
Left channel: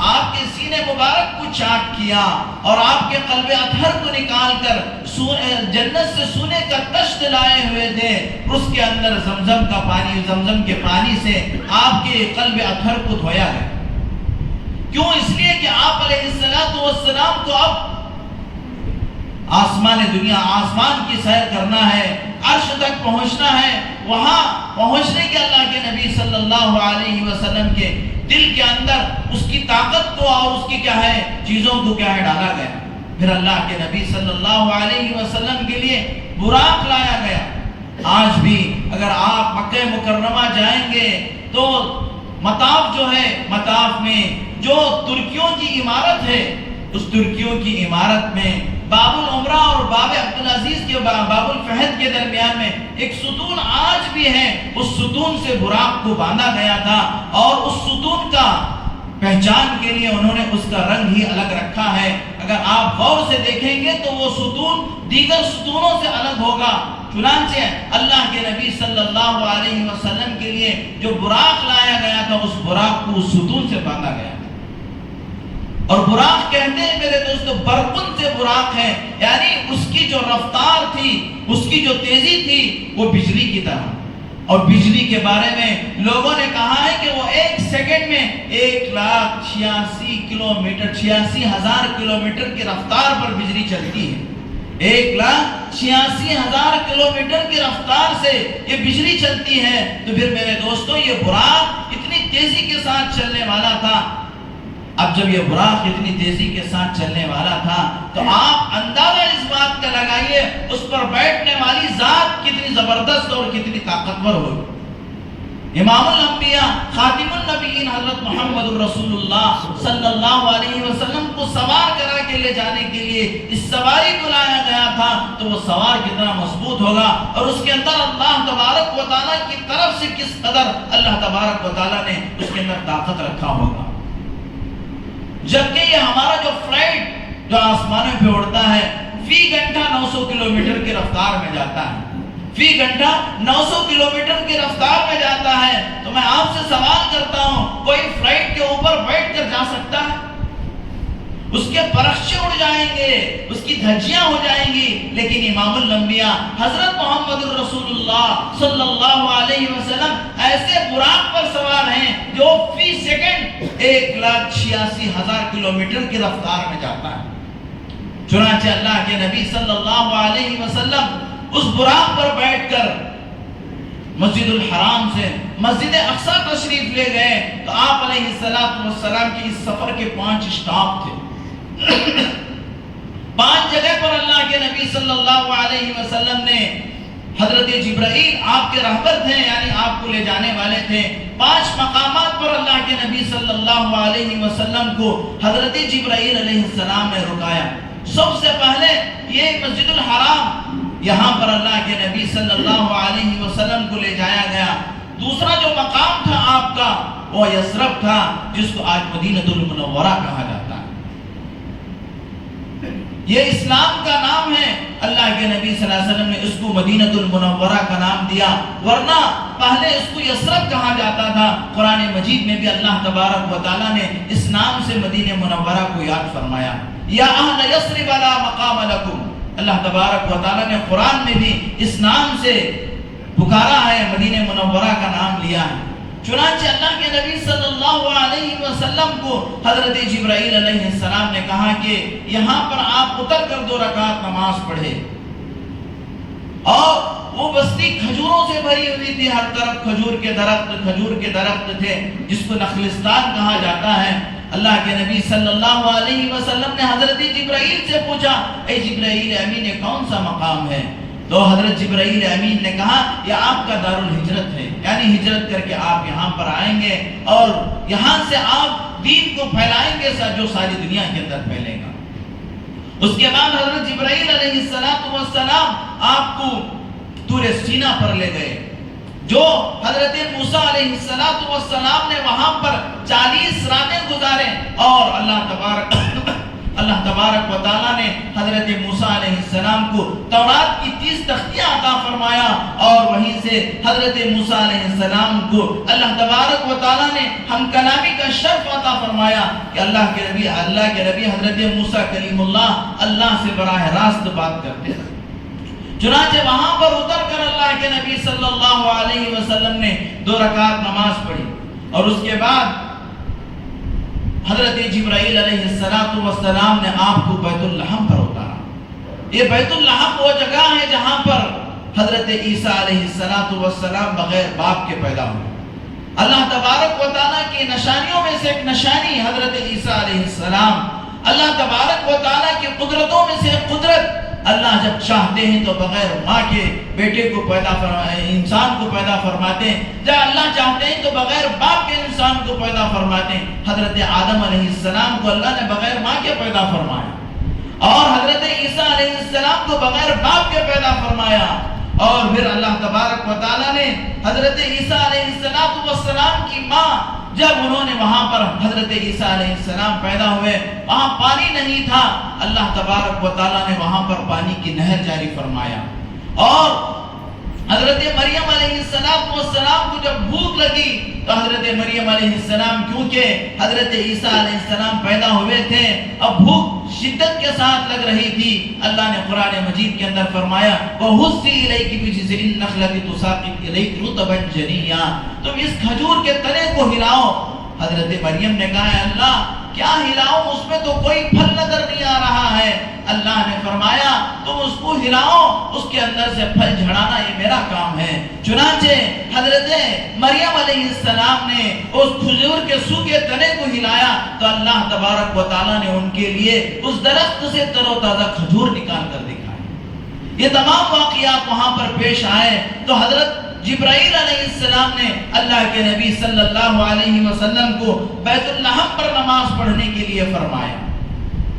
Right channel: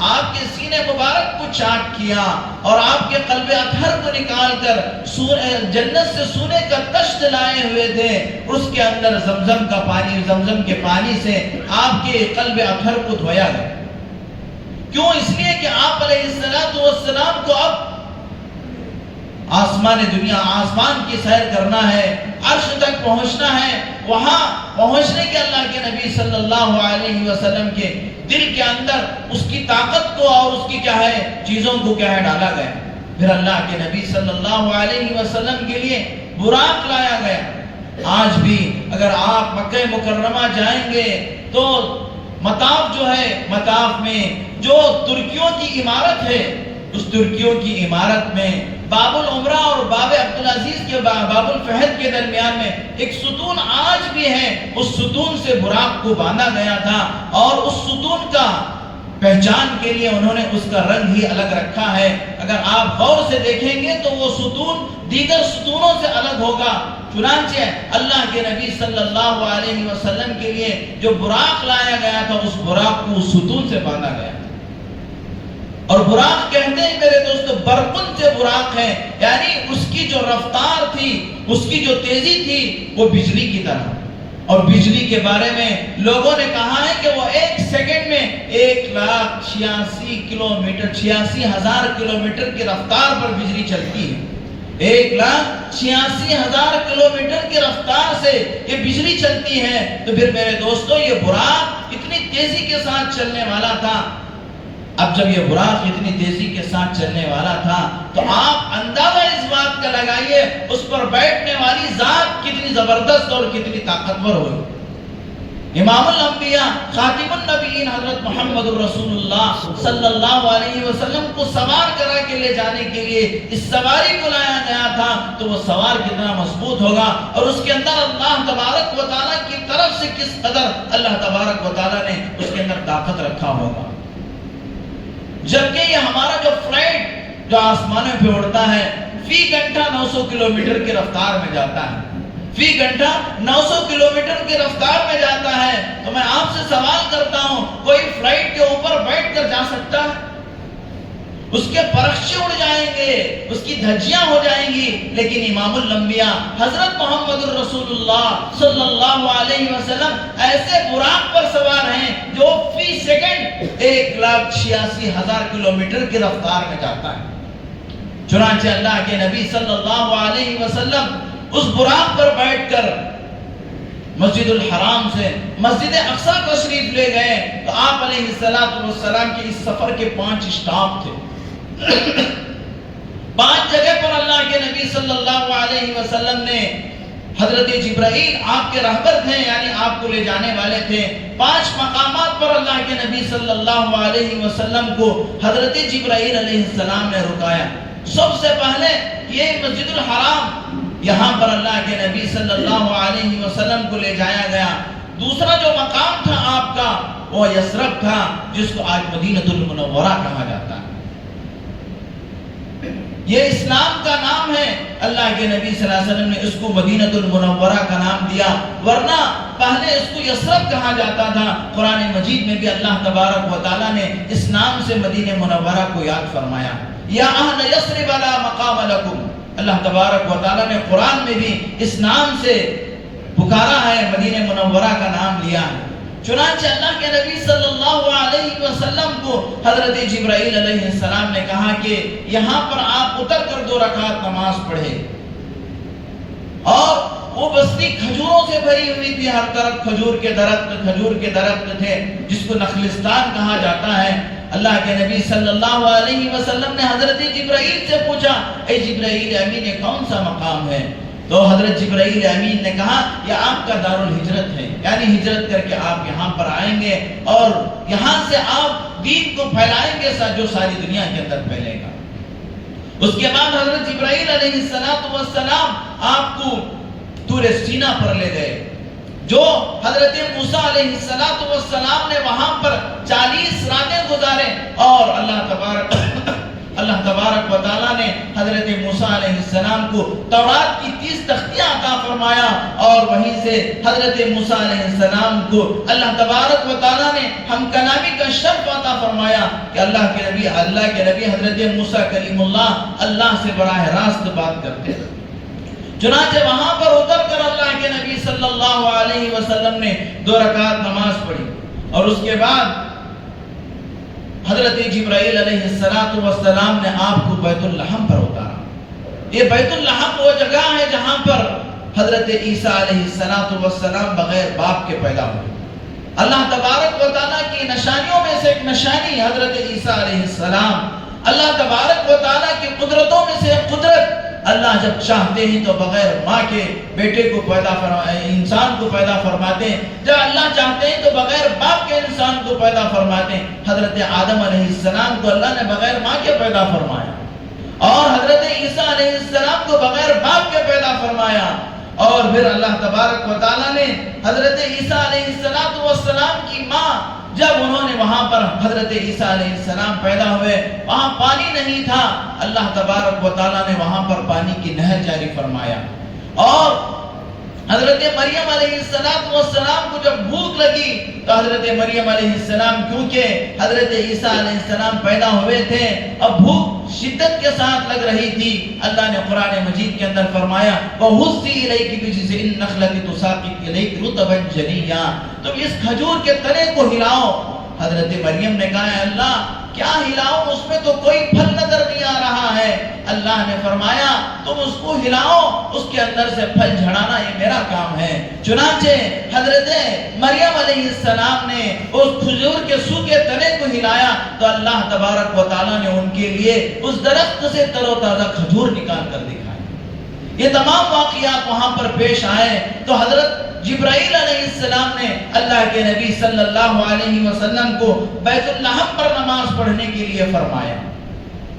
آپ کے سینے مبارک کو چاٹ کیا اور آپ کے قلب اطہر کو نکال کر جنت سے سونے کا تشت لائے ہوئے تھے. اس کے اندر زمزم کے پانی سے آپ کے قلب اطہر کو دھویا گیا. کیوں؟ اس لیے کہ آپ علیہ السلام کو اب آسمان دنیا، آسمان کی سیر کرنا ہے، عرش تک پہنچنا ہے. وہاں پہنچنے کے اللہ کے نبی صلی اللہ علیہ وسلم کے دل کے اندر اس کی طاقت کو اور اس کی کیا ہے چیزوں کو کیا ہے ڈالا گیا. پھر اللہ کے نبی صلی اللہ علیہ وسلم کے لیے براق لایا گیا. آج بھی اگر آپ مکہ مکرمہ جائیں گے تو مطاف جو ہے، مطاف میں جو ترکیوں کی عمارت ہے، اس ترکیوں کی عمارت میں باب العمرہ اور باب عبدالعزیز کے باب الفہد کے درمیان میں ایک ستون آج بھی ہے. اس ستون سے براق کو باندھا گیا تھا، اور اس ستون کا پہچان کے لیے انہوں نے اس کا رنگ ہی الگ رکھا ہے. اگر آپ غور سے دیکھیں گے تو وہ ستون دیگر ستونوں سے الگ ہوگا. چنانچہ اللہ کے نبی صلی اللہ علیہ وسلم کے لیے جو براق لایا گیا تھا، اس براق کو اس ستون سے باندھا گیا. اور براق کہتے ہیں میرے دوستو، برقن سے براق ہے، یعنی اس کی جو رفتار تھی، اس کی جو تیزی تھی وہ بجلی کی طرح. اور بجلی کے بارے میں لوگوں نے کہا ہے کہ وہ 1 سیکنڈ میں 1,86,000 کلومیٹر 86,000 کلومیٹر کی رفتار پر بجلی چلتی ہے. 1,86,000 کلومیٹر کی رفتار سے یہ بجلی چلتی ہے. تو پھر میرے دوستو یہ براق اتنی تیزی کے ساتھ چلنے والا تھا. اب جب یہ براق اتنی تیزی کے ساتھ چلنے والا تھا تو آپ اندازہ اس بات کا لگائیے اس پر بیٹھنے والی ذات کتنی زبردست اور کتنی طاقتور ہوئی. امام الانبیاء خاتم النبیین حضرت محمد الرسول اللہ صلی اللہ علیہ وسلم کو سوار کرا کے لے جانے کے لیے اس سواری کو لایا گیا تھا، تو وہ سوار کتنا مضبوط ہوگا اور اس کے اندر اللہ تبارک و تعالیٰ کی طرف سے کس قدر اللہ تبارک و تعالیٰ نے اس کے اندر طاقت رکھا ہوگا۔ جبکہ یہ ہمارا جو فلائٹ جو آسمانوں پہ اڑتا ہے فی گھنٹہ 900 کلومیٹر کی رفتار میں جاتا ہے، فی گھنٹہ 900 کلومیٹر کی رفتار میں جاتا ہے، تو میں آپ سے سوال کرتا ہوں، کوئی فلائٹ کے اوپر بیٹھ کر جا سکتا ہے؟ اس کے پرخچے اڑ جائیں گے، اس کی دھجیاں ہو جائیں گی، لیکن امام الانبیاء حضرت محمد الرسول اللہ صلی اللہ علیہ وسلم ایسے براق پر سوار ہیں جو فی سیکنڈ 1,86,000 کلومیٹر کی رفتار میں جاتا ہے۔ چنانچہ اللہ کے نبی صلی اللہ علیہ وسلم اس براق پر بیٹھ کر مسجد الحرام سے مسجد اقصی تشریف لے گئے، تو آپ علیہ السلام کے اس سفر کے 5 اسٹاپ تھے۔ 5 جگہ پر اللہ کے نبی صلی اللہ علیہ وسلم نے حضرت جبرائیل آپ کے رہبر تھے، یعنی آپ کو لے جانے والے تھے، 5 مقامات پر اللہ کے نبی صلی اللہ علیہ وسلم کو حضرت جبرائیل علیہ السلام نے رکایا۔ سب سے پہلے یہ مسجد الحرام، یہاں پر اللہ کے نبی صلی اللہ علیہ وسلم کو لے جایا گیا۔ دوسرا جو مقام تھا آپ کا وہ یثرب تھا، جس کو آج مدینہ المنورہ کہا جاتا ہے۔ یہ اسلام کا نام ہے، اللہ کے نبی صلی اللہ علیہ وسلم نے اس کو مدینہ المنورہ کا نام دیا، ورنہ پہلے اس کو یثرب کہا جاتا تھا۔ قرآن مجید میں بھی اللہ تبارک و تعالیٰ نے اس نام سے مدینہ منورہ کو یاد فرمایا، یا اہل یثرب لا مقام لکم۔ اللہ تبارک و تعالیٰ نے قرآن میں بھی اس نام سے پکارا ہے، مدینہ منورہ کا نام لیا ہے۔ چنانچہ اللہ کے نبی صلی اللہ علیہ وسلم کو حضرت جبرائیل علیہ السلام نے کہا کہ یہاں پر آپ اتر کر 2 رکعت نماز پڑھے، اور وہ بستی کھجوروں سے بھری ہوئی تھی، ہر طرف کھجور کے درخت تھے، جس کو نخلستان کہا جاتا ہے۔ اللہ کے نبی صلی اللہ علیہ وسلم نے حضرت جبرائیل سے پوچھا، اے جبرائیل امین، یہ کون سا مقام ہے؟ تو حضرت جبرائیل امین نے کہا یہ آپ کا دار الہجرت ہے، یعنی ہجرت کر کے آپ یہاں پر آئیں گے اور یہاں سے آپ دین کو پھیلائیں گے جو ساری دنیا کے اندر پھیلے گا۔ اس کے بعد حضرت جبرائیل علیہ السلام آپ کو طور سینا پر لے گئے، جو حضرت موسیٰ علیہ السلام نے وہاں پر 40 راتیں گزارے، اور اللہ تبارک و تعالیٰ نے حضرت موسیٰ علیہ السلام کو تورات کی 30 تختیاں عطا فرمایا، اور وہیں سے حضرت موسیٰ علیہ السلام کو اللہ تبارک و تعالیٰ نے ہم کلامی کا شرف عطا فرمایا کہ اللہ کے نبی حضرت موسیٰ کلیم اللہ سے براہ راست بات کرتے ہیں۔ چنانچہ وہاں پر اتر کر اللہ کے نبی صلی اللہ علیہ وسلم نے 2 رکعت نماز پڑھی، اور اس کے بعد حضرت جبرائیل علیہ السلام نے آپ کو بیت اللحم پر اتارا۔ یہ بیت اللحم وہ جگہ ہے جہاں پر حضرت عیسیٰ علیہ السلام بغیر باپ کے پیدا ہوئے۔ اللہ تبارک و تعالیٰ کی نشانیوں میں سے ایک نشانی حضرت عیسیٰ علیہ السلام، اللہ تبارک و تعالیٰ کی قدرتوں میں سے ایک قدرت، اللہ جب چاہتے ہیں تو بغیر ماں کے بیٹے کو انسان کو پیدا فرماتے ہیں، جب اللہ چاہتے ہیں تو بغیر باپ کے انسان کو پیدا فرماتے ہیں۔ حضرت آدم علیہ السلام کو اللہ نے بغیر ماں کے پیدا فرمایا، اور حضرت عیسیٰ علیہ السلام کو بغیر باپ کے پیدا فرمایا، اور پھر اللہ تبارک و تعالیٰ نے حضرت عیسیٰ علیہ السلام کی ماں، جب انہوں نے وہاں پر حضرت عیسیٰ علیہ السلام پیدا ہوئے، وہاں پانی نہیں تھا، اللہ تبارک و تعالیٰ نے وہاں پر پانی کی نہر جاری فرمایا، اور حضرت مریم علیہ السلام کو جب بھوک لگی تو حضرت مریم علیہ السلام، کیونکہ حضرت عیسیٰ علیہ السلام پیدا ہوئے تھے، اب بھوک شدت کے ساتھ لگ رہی تھی، اللہ نے قرآن مجید کے اندر فرمایا وَهُزِّي إِلَيْكِ بِجِذْعِ النَّخْلَةِ تُسَاقِطْ إِلَيْكِ رُطَبًا جَنِيًّا، تم اس کھجور کے تنے کو ہلاؤ۔ حضرت مریم نے کہا ہے اللہ کیا ہلاؤں، اس میں تو کوئی پھل نظر نہیں آ رہا ہے۔ اللہ نے فرمایا تم اس کو ہلاؤ، اس کے اندر سے پھل جھڑانا یہ میرا کام ہے۔ چنانچہ حضرت مریم علیہ السلام نے اس کھجور کے سوکھے تنے کو ہلایا تو اللہ تبارک و تعالیٰ نے ان کے لیے اس درخت سے تر و تازہ کھجور نکال کر دکھایا۔ یہ تمام واقعات وہاں پر پیش آئے تو حضرت جبرائیل علیہ السلام نے اللہ کے نبی صلی اللہ علیہ وسلم کو بیت اللحم پر نماز پڑھنے کے لیے فرمایا،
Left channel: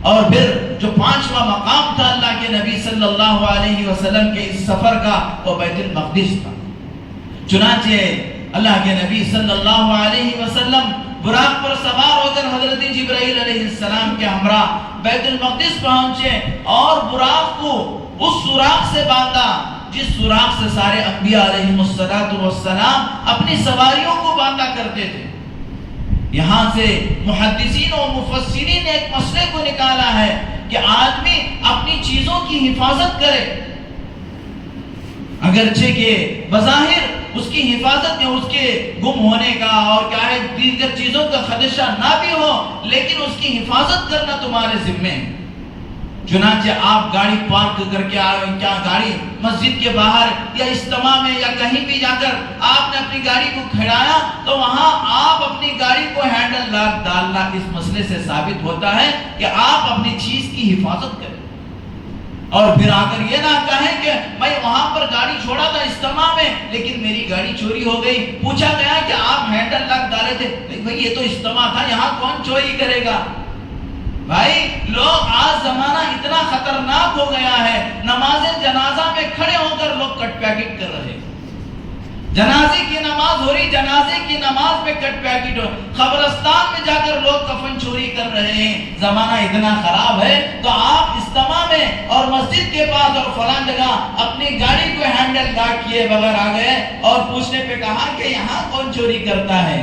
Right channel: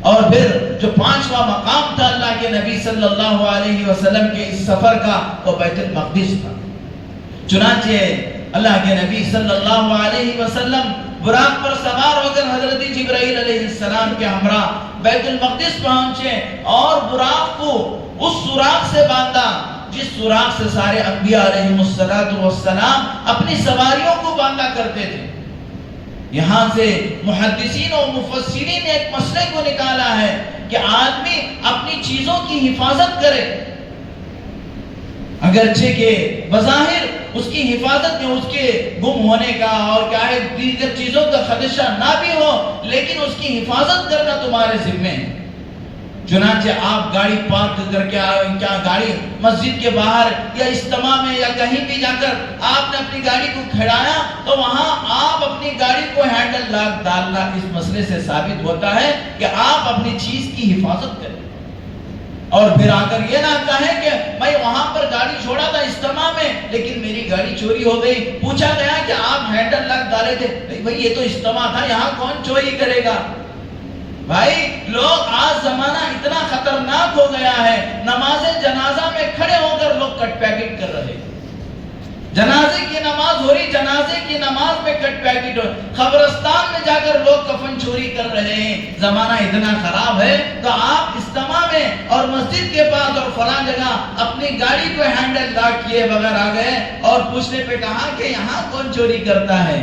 اور پھر جو 5واں مقام تھا اللہ کے نبی صلی اللہ علیہ وسلم کے اس سفر کا وہ بیت المقدس تھا۔ چنانچہ اللہ کے نبی صلی اللہ علیہ وسلم براق پر سوار ہو کر حضرت جبرائیل علیہ السلام کے ہمراہ بیت المقدس پہنچے اور براق کو اس سوراخ سے باندھا جس سوراخ سے سارے انبیاء علیہ السلام اپنی سواریوں کو باندھا کرتے تھے۔ یہاں سے محدثین و مفسرین نے ایک مسئلے کو نکالا ہے کہ آدمی اپنی چیزوں کی حفاظت کرے، اگرچہ کہ بظاہر اس کی حفاظت میں اس کے گم ہونے کا اور کیا ہے دیگر چیزوں کا خدشہ نہ بھی ہو، لیکن اس کی حفاظت کرنا تمہارے ذمے ہے۔ چنانچہ آپ گاڑی پارک کر کے کیا گاڑی مسجد کے باہر یا اجتماع میں یا کہیں بھی جا کر آپ نے اپنی گاڑی کو کھڑایا تو وہاں آپ اپنی گاڑی کو ہینڈل لاک ڈالنا اس مسئلے سے ثابت ہوتا ہے کہ آپ اپنی چیز کی حفاظت کریں، اور پھر آ کر یہ نہ کہیں کہ میں وہاں پر گاڑی چھوڑا تھا اجتماع میں لیکن میری گاڑی چوری ہو گئی۔ پوچھا گیا کہ آپ ہینڈل لاک ڈالے تھے، بھائی یہ تو اجتماع تھا، یہاں کون چوری کرے گا؟ بھائی لوگ آج زمانہ اتنا خطرناک ہو گیا ہے، نماز جنازہ میں کھڑے ہو کر لوگ کٹ پیکٹ کر رہے ہیں، جنازے کی نماز ہو رہی، جنازے کی نماز میں کٹ پیکٹ ہو، قبرستان میں جا کر لوگ کفن چوری کر رہے ہیں۔ زمانہ اتنا خراب ہے تو آپ اجتماع میں اور مسجد کے پاس اور فلاں جگہ اپنی گاڑی کو ہینڈل لاک کیے بغیر آ گئے اور پوچھنے پہ کہا کہ یہاں کون چوری کرتا ہے؟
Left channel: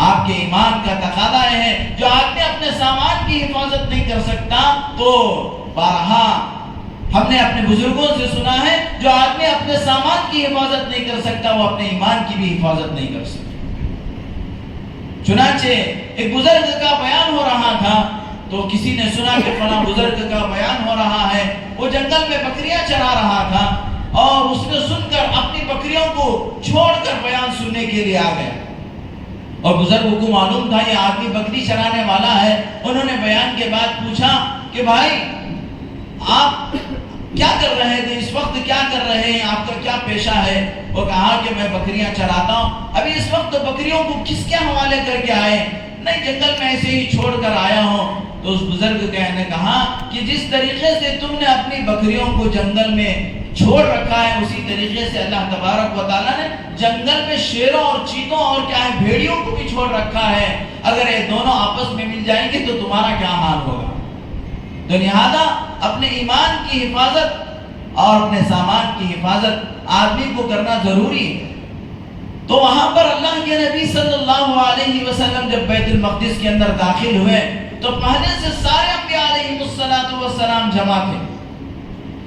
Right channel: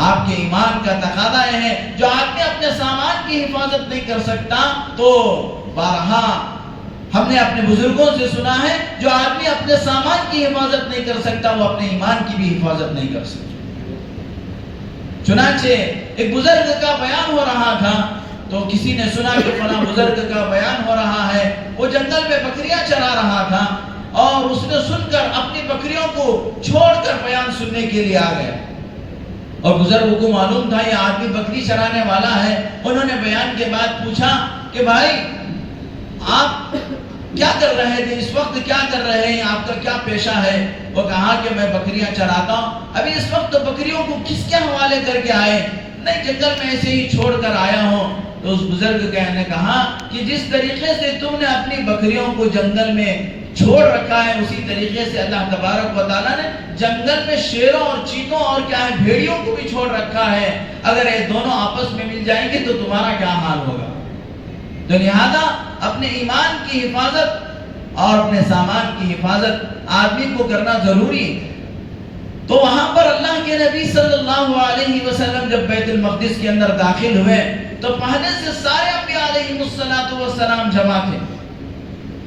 آپ کے ایمان کا تقاضا ہے جو آدمی اپنے سامان کی حفاظت نہیں کر سکتا تو بارہا ہم نے اپنے بزرگوں سے سنا ہے جو آدمی اپنے سامان کی حفاظت نہیں کر سکتا وہ اپنے ایمان کی بھی حفاظت نہیں کر سکتا۔ چنانچہ ایک بزرگ کا بیان ہو رہا تھا تو کسی نے سنا کہ فلاں بزرگ کا بیان ہو رہا ہے، وہ جنگل میں بکریاں چرا رہا تھا اور اس نے سن کر اپنی بکریوں کو چھوڑ کر بیان سننے کے لیے آ گیا، اور بزرگوں کو معلوم تھا یہ آدمی بکری چرانے والا ہے۔ انہوں نے بیان کے بعد پوچھا کہ بھائی آپ کیا کر رہے تھے، اس وقت کیا کر رہے ہیں، آپ کا کیا پیشہ ہے؟ وہ کہا کہ میں بکریاں چراتا ہوں، ابھی اس وقت بکریوں کو کس کے حوالے کر کے آئے؟ نہیں، جنگل میں ایسے ہی چھوڑ کر آیا ہوں۔ تو اس بزرگ نے کہا کہ جس طریقے سے تم نے اپنی بکریوں کو جنگل میں چھوڑ رکھا ہے اسی طریقے سے اللہ تبارک و تعالیٰ نے جنگل میں شیروں اور چیتوں اور کیا ہے بھیڑیوں کو بھی چھوڑ رکھا ہے، اگر یہ دونوں آپس میں مل جائیں گے تو تمہارا کیا حال ہوگا؟ تو لہذا اپنے ایمان کی حفاظت اور اپنے سامان کی حفاظت آدمی کو کرنا ضروری ہے۔ تو وہاں پر اللہ کے نبی صلی اللہ علیہ وسلم جب بیت المقدس کے اندر داخل ہوئے تو پہلے سے سارے انبیاء علیہ السلام جمع تھے۔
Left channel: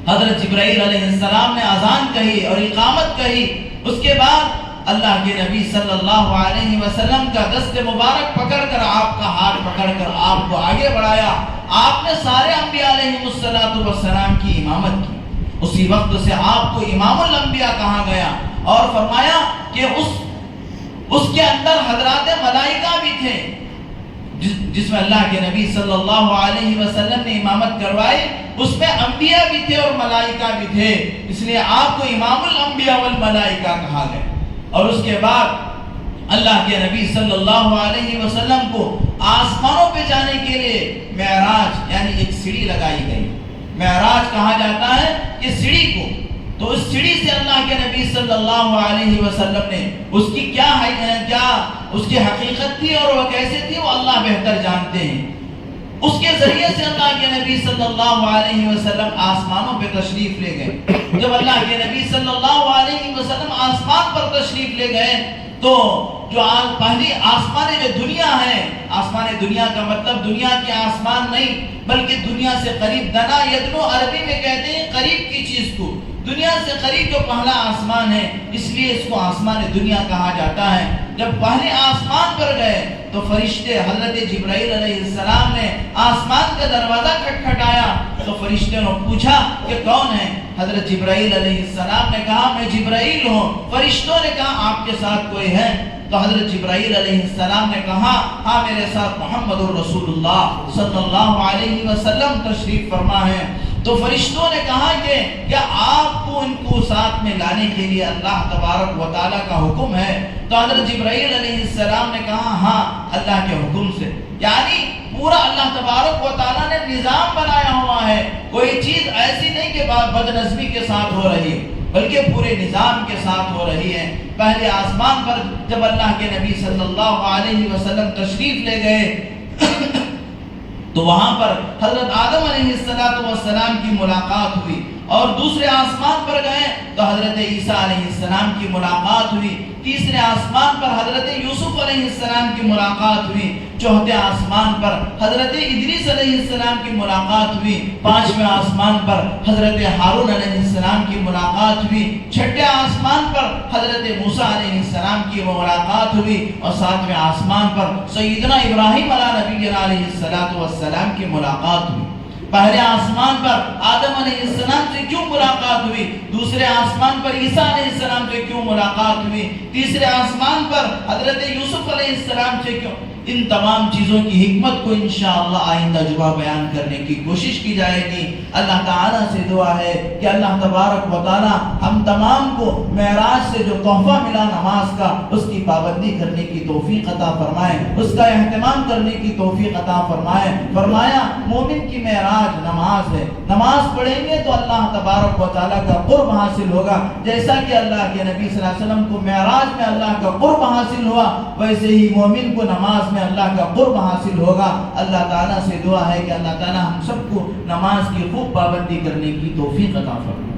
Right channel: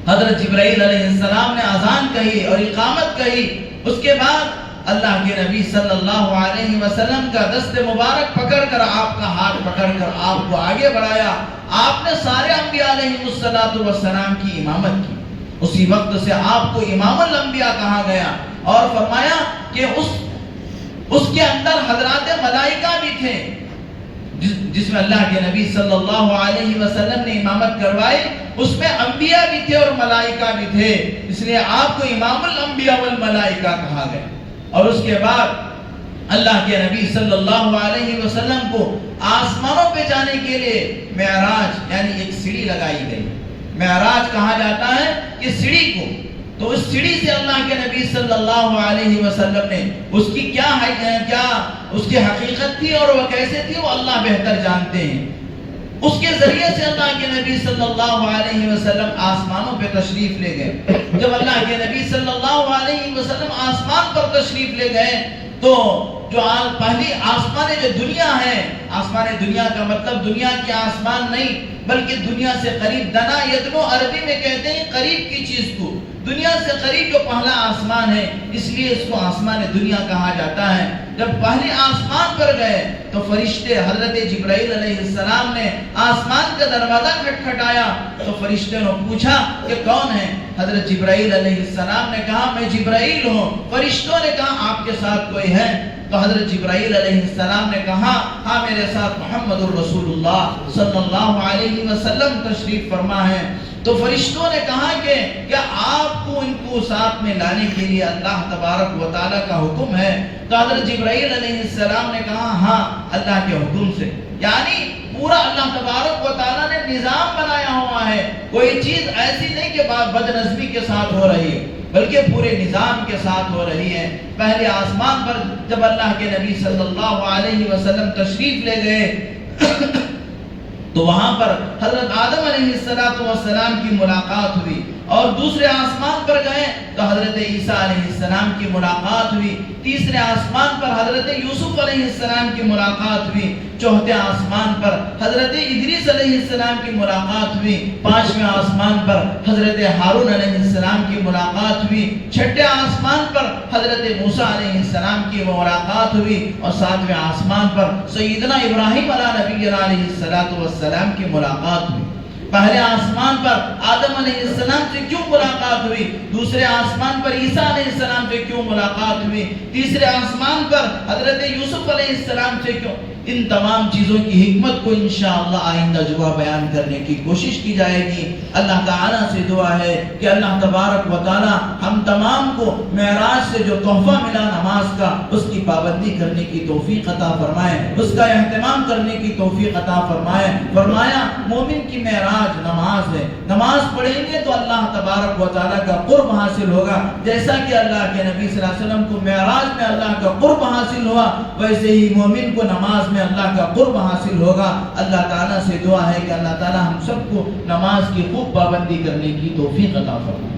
حضرت جبرائیل علیہ السلام نے اذان کہی اور اقامت کہی، اس کے بعد اللہ کے نبی صلی اللہ علیہ وسلم کا دست مبارک پکڑ کر آپ کا ہاتھ پکڑ کر آپ کو آگے بڑھایا، آپ نے سارے انبیاء علیہ السلام کی امامت کی۔ اسی وقت سے آپ کو امام الانبیاء کہا گیا اور فرمایا کہ اس کے اندر حضرات ملائکہ بھی تھے، جس میں اللہ کے نبی صلی اللہ علیہ وسلم نے امامت کروائی، اس میں انبیاء بھی تھے اور ملائکہ بھی تھے، اس لیے آپ کو امام الانبیاء والملائکہ کہا گیا۔ اور اس کے بعد اللہ کے نبی صلی اللہ علیہ وسلم کو آسمانوں پہ جانے کے لیے معراج یعنی ایک سیڑھی لگائی گئی۔ معراج کہا جاتا ہے کہ سیڑھی کو، تو اس سیڑھی سے اللہ کے نبی صلی اللہ علیہ وسلم نے اس کی کیا اس کی حقیقت تھی اور وہ کیسے تھی وہ اللہ بہتر جانتے ہیں۔ اس کے ذریعے سے اللہ کے نبی صلی اللہ علیہ وسلم آسمانوں پہ تشریف لے گئے۔ جب اللہ کے نبی صلی اللہ علیہ وسلم آسمان پر تشریف لے گئے تو جو پہلی آسمان جو دنیا ہے، آسمان دنیا کا مطلب دنیا کے آسمان نہیں بلکہ دنیا سے قریب، دنا یدنو عربی میں کہتے ہیں قریب کی چیز کو، دنیا سے قریب جو پہلا آسمان ہے اس لیے اس کو آسمان دنیا کہا جاتا ہے۔ جب پہلے آسمان پر گئے تو فرشتے حضرت جبرائیل علیہ السلام نے آسمان کا دروازہ کھٹکھٹایا تو فرشتے نے پوچھا کہ کون ہے؟ حضرت جبرائیل علیہ السلام نے کہا میں جبرائیل ہوں۔ فرشتوں نے کہا آپ کے ساتھ کوئی ہے؟ تو حضرت جبرائیل علیہ السلام نے کہا ہاں میرے ساتھ محمد الرسول اللہ صلی اللہ علیہ وسلم تشریف فرما ہے۔ تو فرشتوں نے کہا کہ کیا آپ کو ان کو ساتھ میں لانے کے لیے اللہ تبارک و تعالیٰ کا حکم ہے؟ تو حضرت جبرائیل علیہ السلام نے کہا ہاں اللہ کے حکم سے. یعنی پورا اللہ تبارک و تعالیٰ نے نظام بنایا ہوا ہے. کوئی چیز ایسی نہیں کہ بدنظمی کے ساتھ ہو رہی ہے، بلکہ پورے نظام کے ساتھ ہو رہی ہے. پہلے آسمان پر جب اللہ کے نبی صلی اللہ علیہ وسلم تشریف لے گئے تو وہاں پر حضرت آدم علیہ السلام کی ملاقات ہوئی، اور دوسرے آسمان پر گئے تو حضرت عیسیٰ علیہ السلام کی ملاقات ہوئی، تیسرے آسمان پر حضرت یوسف علیہ السلام کی ملاقات ہوئی، چوتھے آسمان پر حضرت ادریس علیہ السلام کی ملاقات ہوئی، پانچویں آسمان پر حضرت ہارون علیہ السلام کی ملاقات ہوئی، چھٹے آسمان پر حضرت موسیٰ علیہ السلام کی ملاقات ہوئی، اور ساتویں آسمان پر سیدنا ابراہیم علیہ السلام کی ملاقات ہوئی. پہلے آسمان پر آدم علیہ السلام سے کیوں ملاقات ہوئی؟ دوسرے آسمان پر عیسیٰ علیہ السلام سے کیوں ملاقات ہوئی؟ تیسرے آسمان پر حضرت یوسف علیہ السلام سے کیوں؟ ان تمام چیزوں کی حکمت کو انشاءاللہ آئندہ جمعہ بیان کرنے کی کوشش کی جائے گی. اللہ تعالیٰ سے دعا ہے کہ اللہ تبارک و تعالیٰ ہم تمام کو معراج سے جو تحفہ ملا نماز کا، اس کی پابندی کرنے کی توفیق عطا فرمائے، اس کا اہتمام کرنے کی توفیق عطا فرمائے. فرمایا مومن کی معراج نماز ہے، نماز پڑھیں گے تو اللہ تبارک و تعالیٰ کا قرب حاصل ہوگا. جیسا کہ اللہ کے نبی صلی اللہ علیہ وسلم کو معراج میں اللہ کا قرب حاصل ہوا، ویسے ہی مومن کو نماز میں اللہ کا قرب حاصل ہوگا. اللہ تعالیٰ سے دعا ہے کہ اللہ تعالیٰ ہم سب کو نماز کی خوب پابندی کرنے کی توفیق عطا فرمائے.